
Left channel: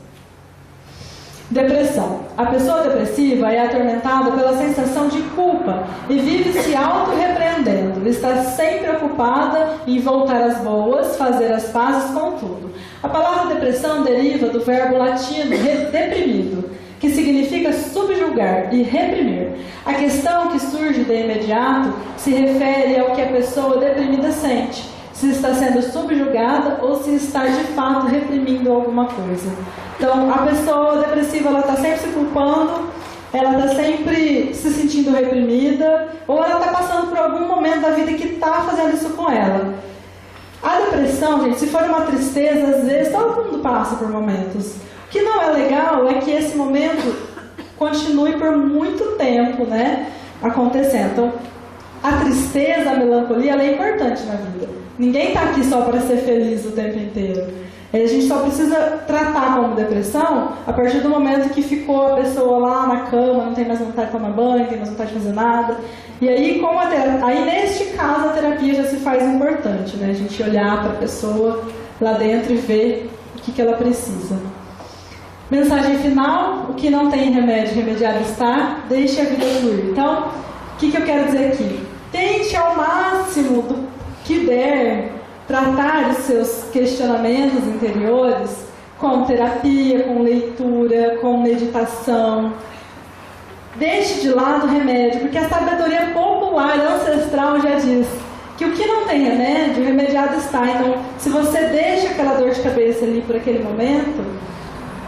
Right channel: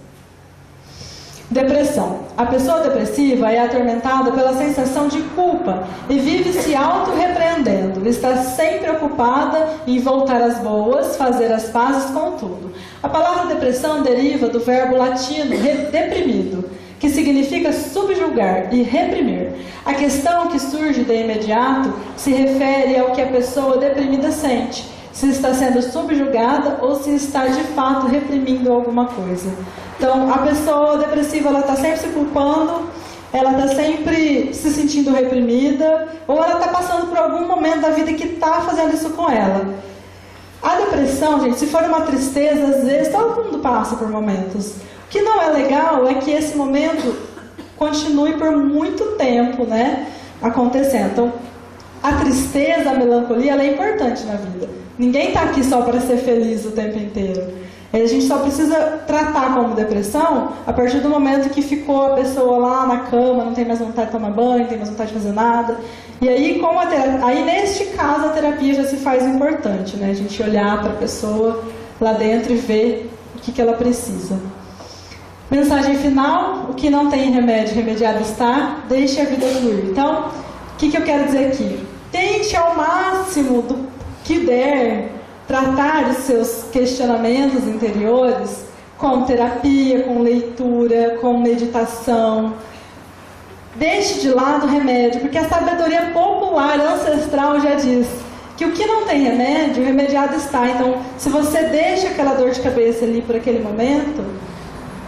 Depressão. A pessoa depressiva é atormentada pela sensação de culpa e vive se auto-repreendendo. Está sempre ocupada em voltar às boas, fazer as pazes com tudo. A palavra depressão deriva do verbo latino deprimido, que significa subjugar e reprimir. A questão que surge de imediato se refere ao que a pessoa deprimida sente, se está sendo subjugada ou se está de fato reprimindo alguma coisa. Então, a pessoa depressiva, ela está sempre se culpando, ela está sempre se sentindo reprimida, ou ela está passando por algum momento da vida que está fazendo isso com ela. A depressão, gente, se for uma tristeza, às vezes todo mundo passa por momentos. O que não é legal é que esse momento continue por muito tempo, né, acontecendo. Então, a tristeza, a melancolia, ela é importante na vida. Ninguém está aqui só para ser feliz o tempo inteiro. A gente só precisa tratar como depressão a partir do momento que ficou a pessoa lá na cama, não tem mais vontade de tomar banho, não tem mais vontade de fazer nada. E aí, aí neste caso, a terapia já se faz importante, né? A gente olhar para a pessoa lá dentro e ver o que ela precisa. Mensagem final: o que não tem remédio, remediado está, deixe a vida fluir. Então, o que eu quero dizer aqui? Tente ao máximo do que der tratar os seus questionamentos interiores com terapia, com leitura, com meditação. Deixe de lado o remédio, porque a sabedoria popular, ancestral já diz que o que não tem remédio, remediado está. Então, se você deixa aquela dor de cabeça ali por aquele momento,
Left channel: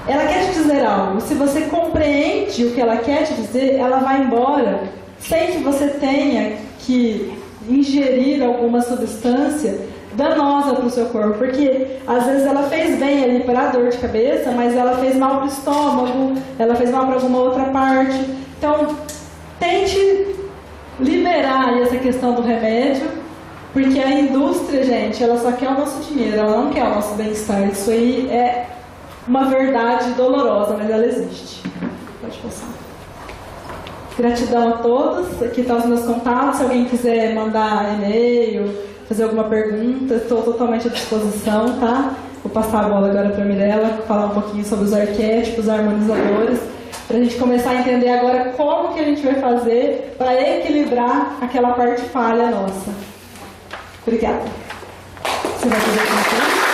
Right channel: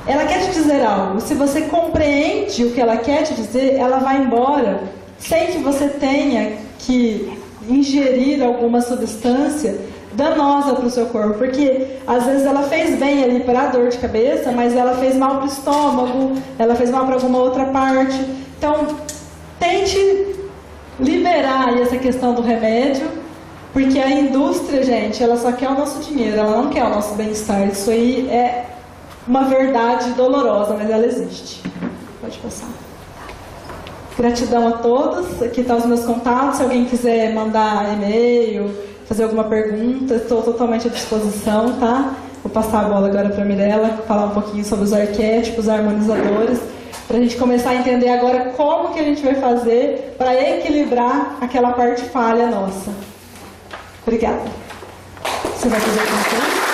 ela quer te dizer algo. Se você compreende o que ela quer te dizer, ela vai embora sem que você tenha que ingerir alguma substância danosa para o seu corpo, porque às vezes ela fez bem ali para a dor de cabeça, mas ela fez mal para o estômago, ela fez mal para alguma outra parte. Então, tente liberar aí essa questão do remédio, porque a indústria, gente, ela só quer o nosso dinheiro, ela não quer o nosso bem-estar. Isso aí é uma verdade dolorosa, mas ela existe. Pode passar. Gratidão a todos. Aqui estão os meus contatos. Se alguém quiser mandar e-mail, fazer alguma pergunta, estou totalmente à disposição, tá? Vou passar a bola agora para a Mirella, falar um pouquinho sobre os arquétipos, harmonizadores, para a gente começar a entender agora como que a gente vai fazer para equilibrar aquela parte falha nossa. Obrigada. Você vai fazer alguma coisa?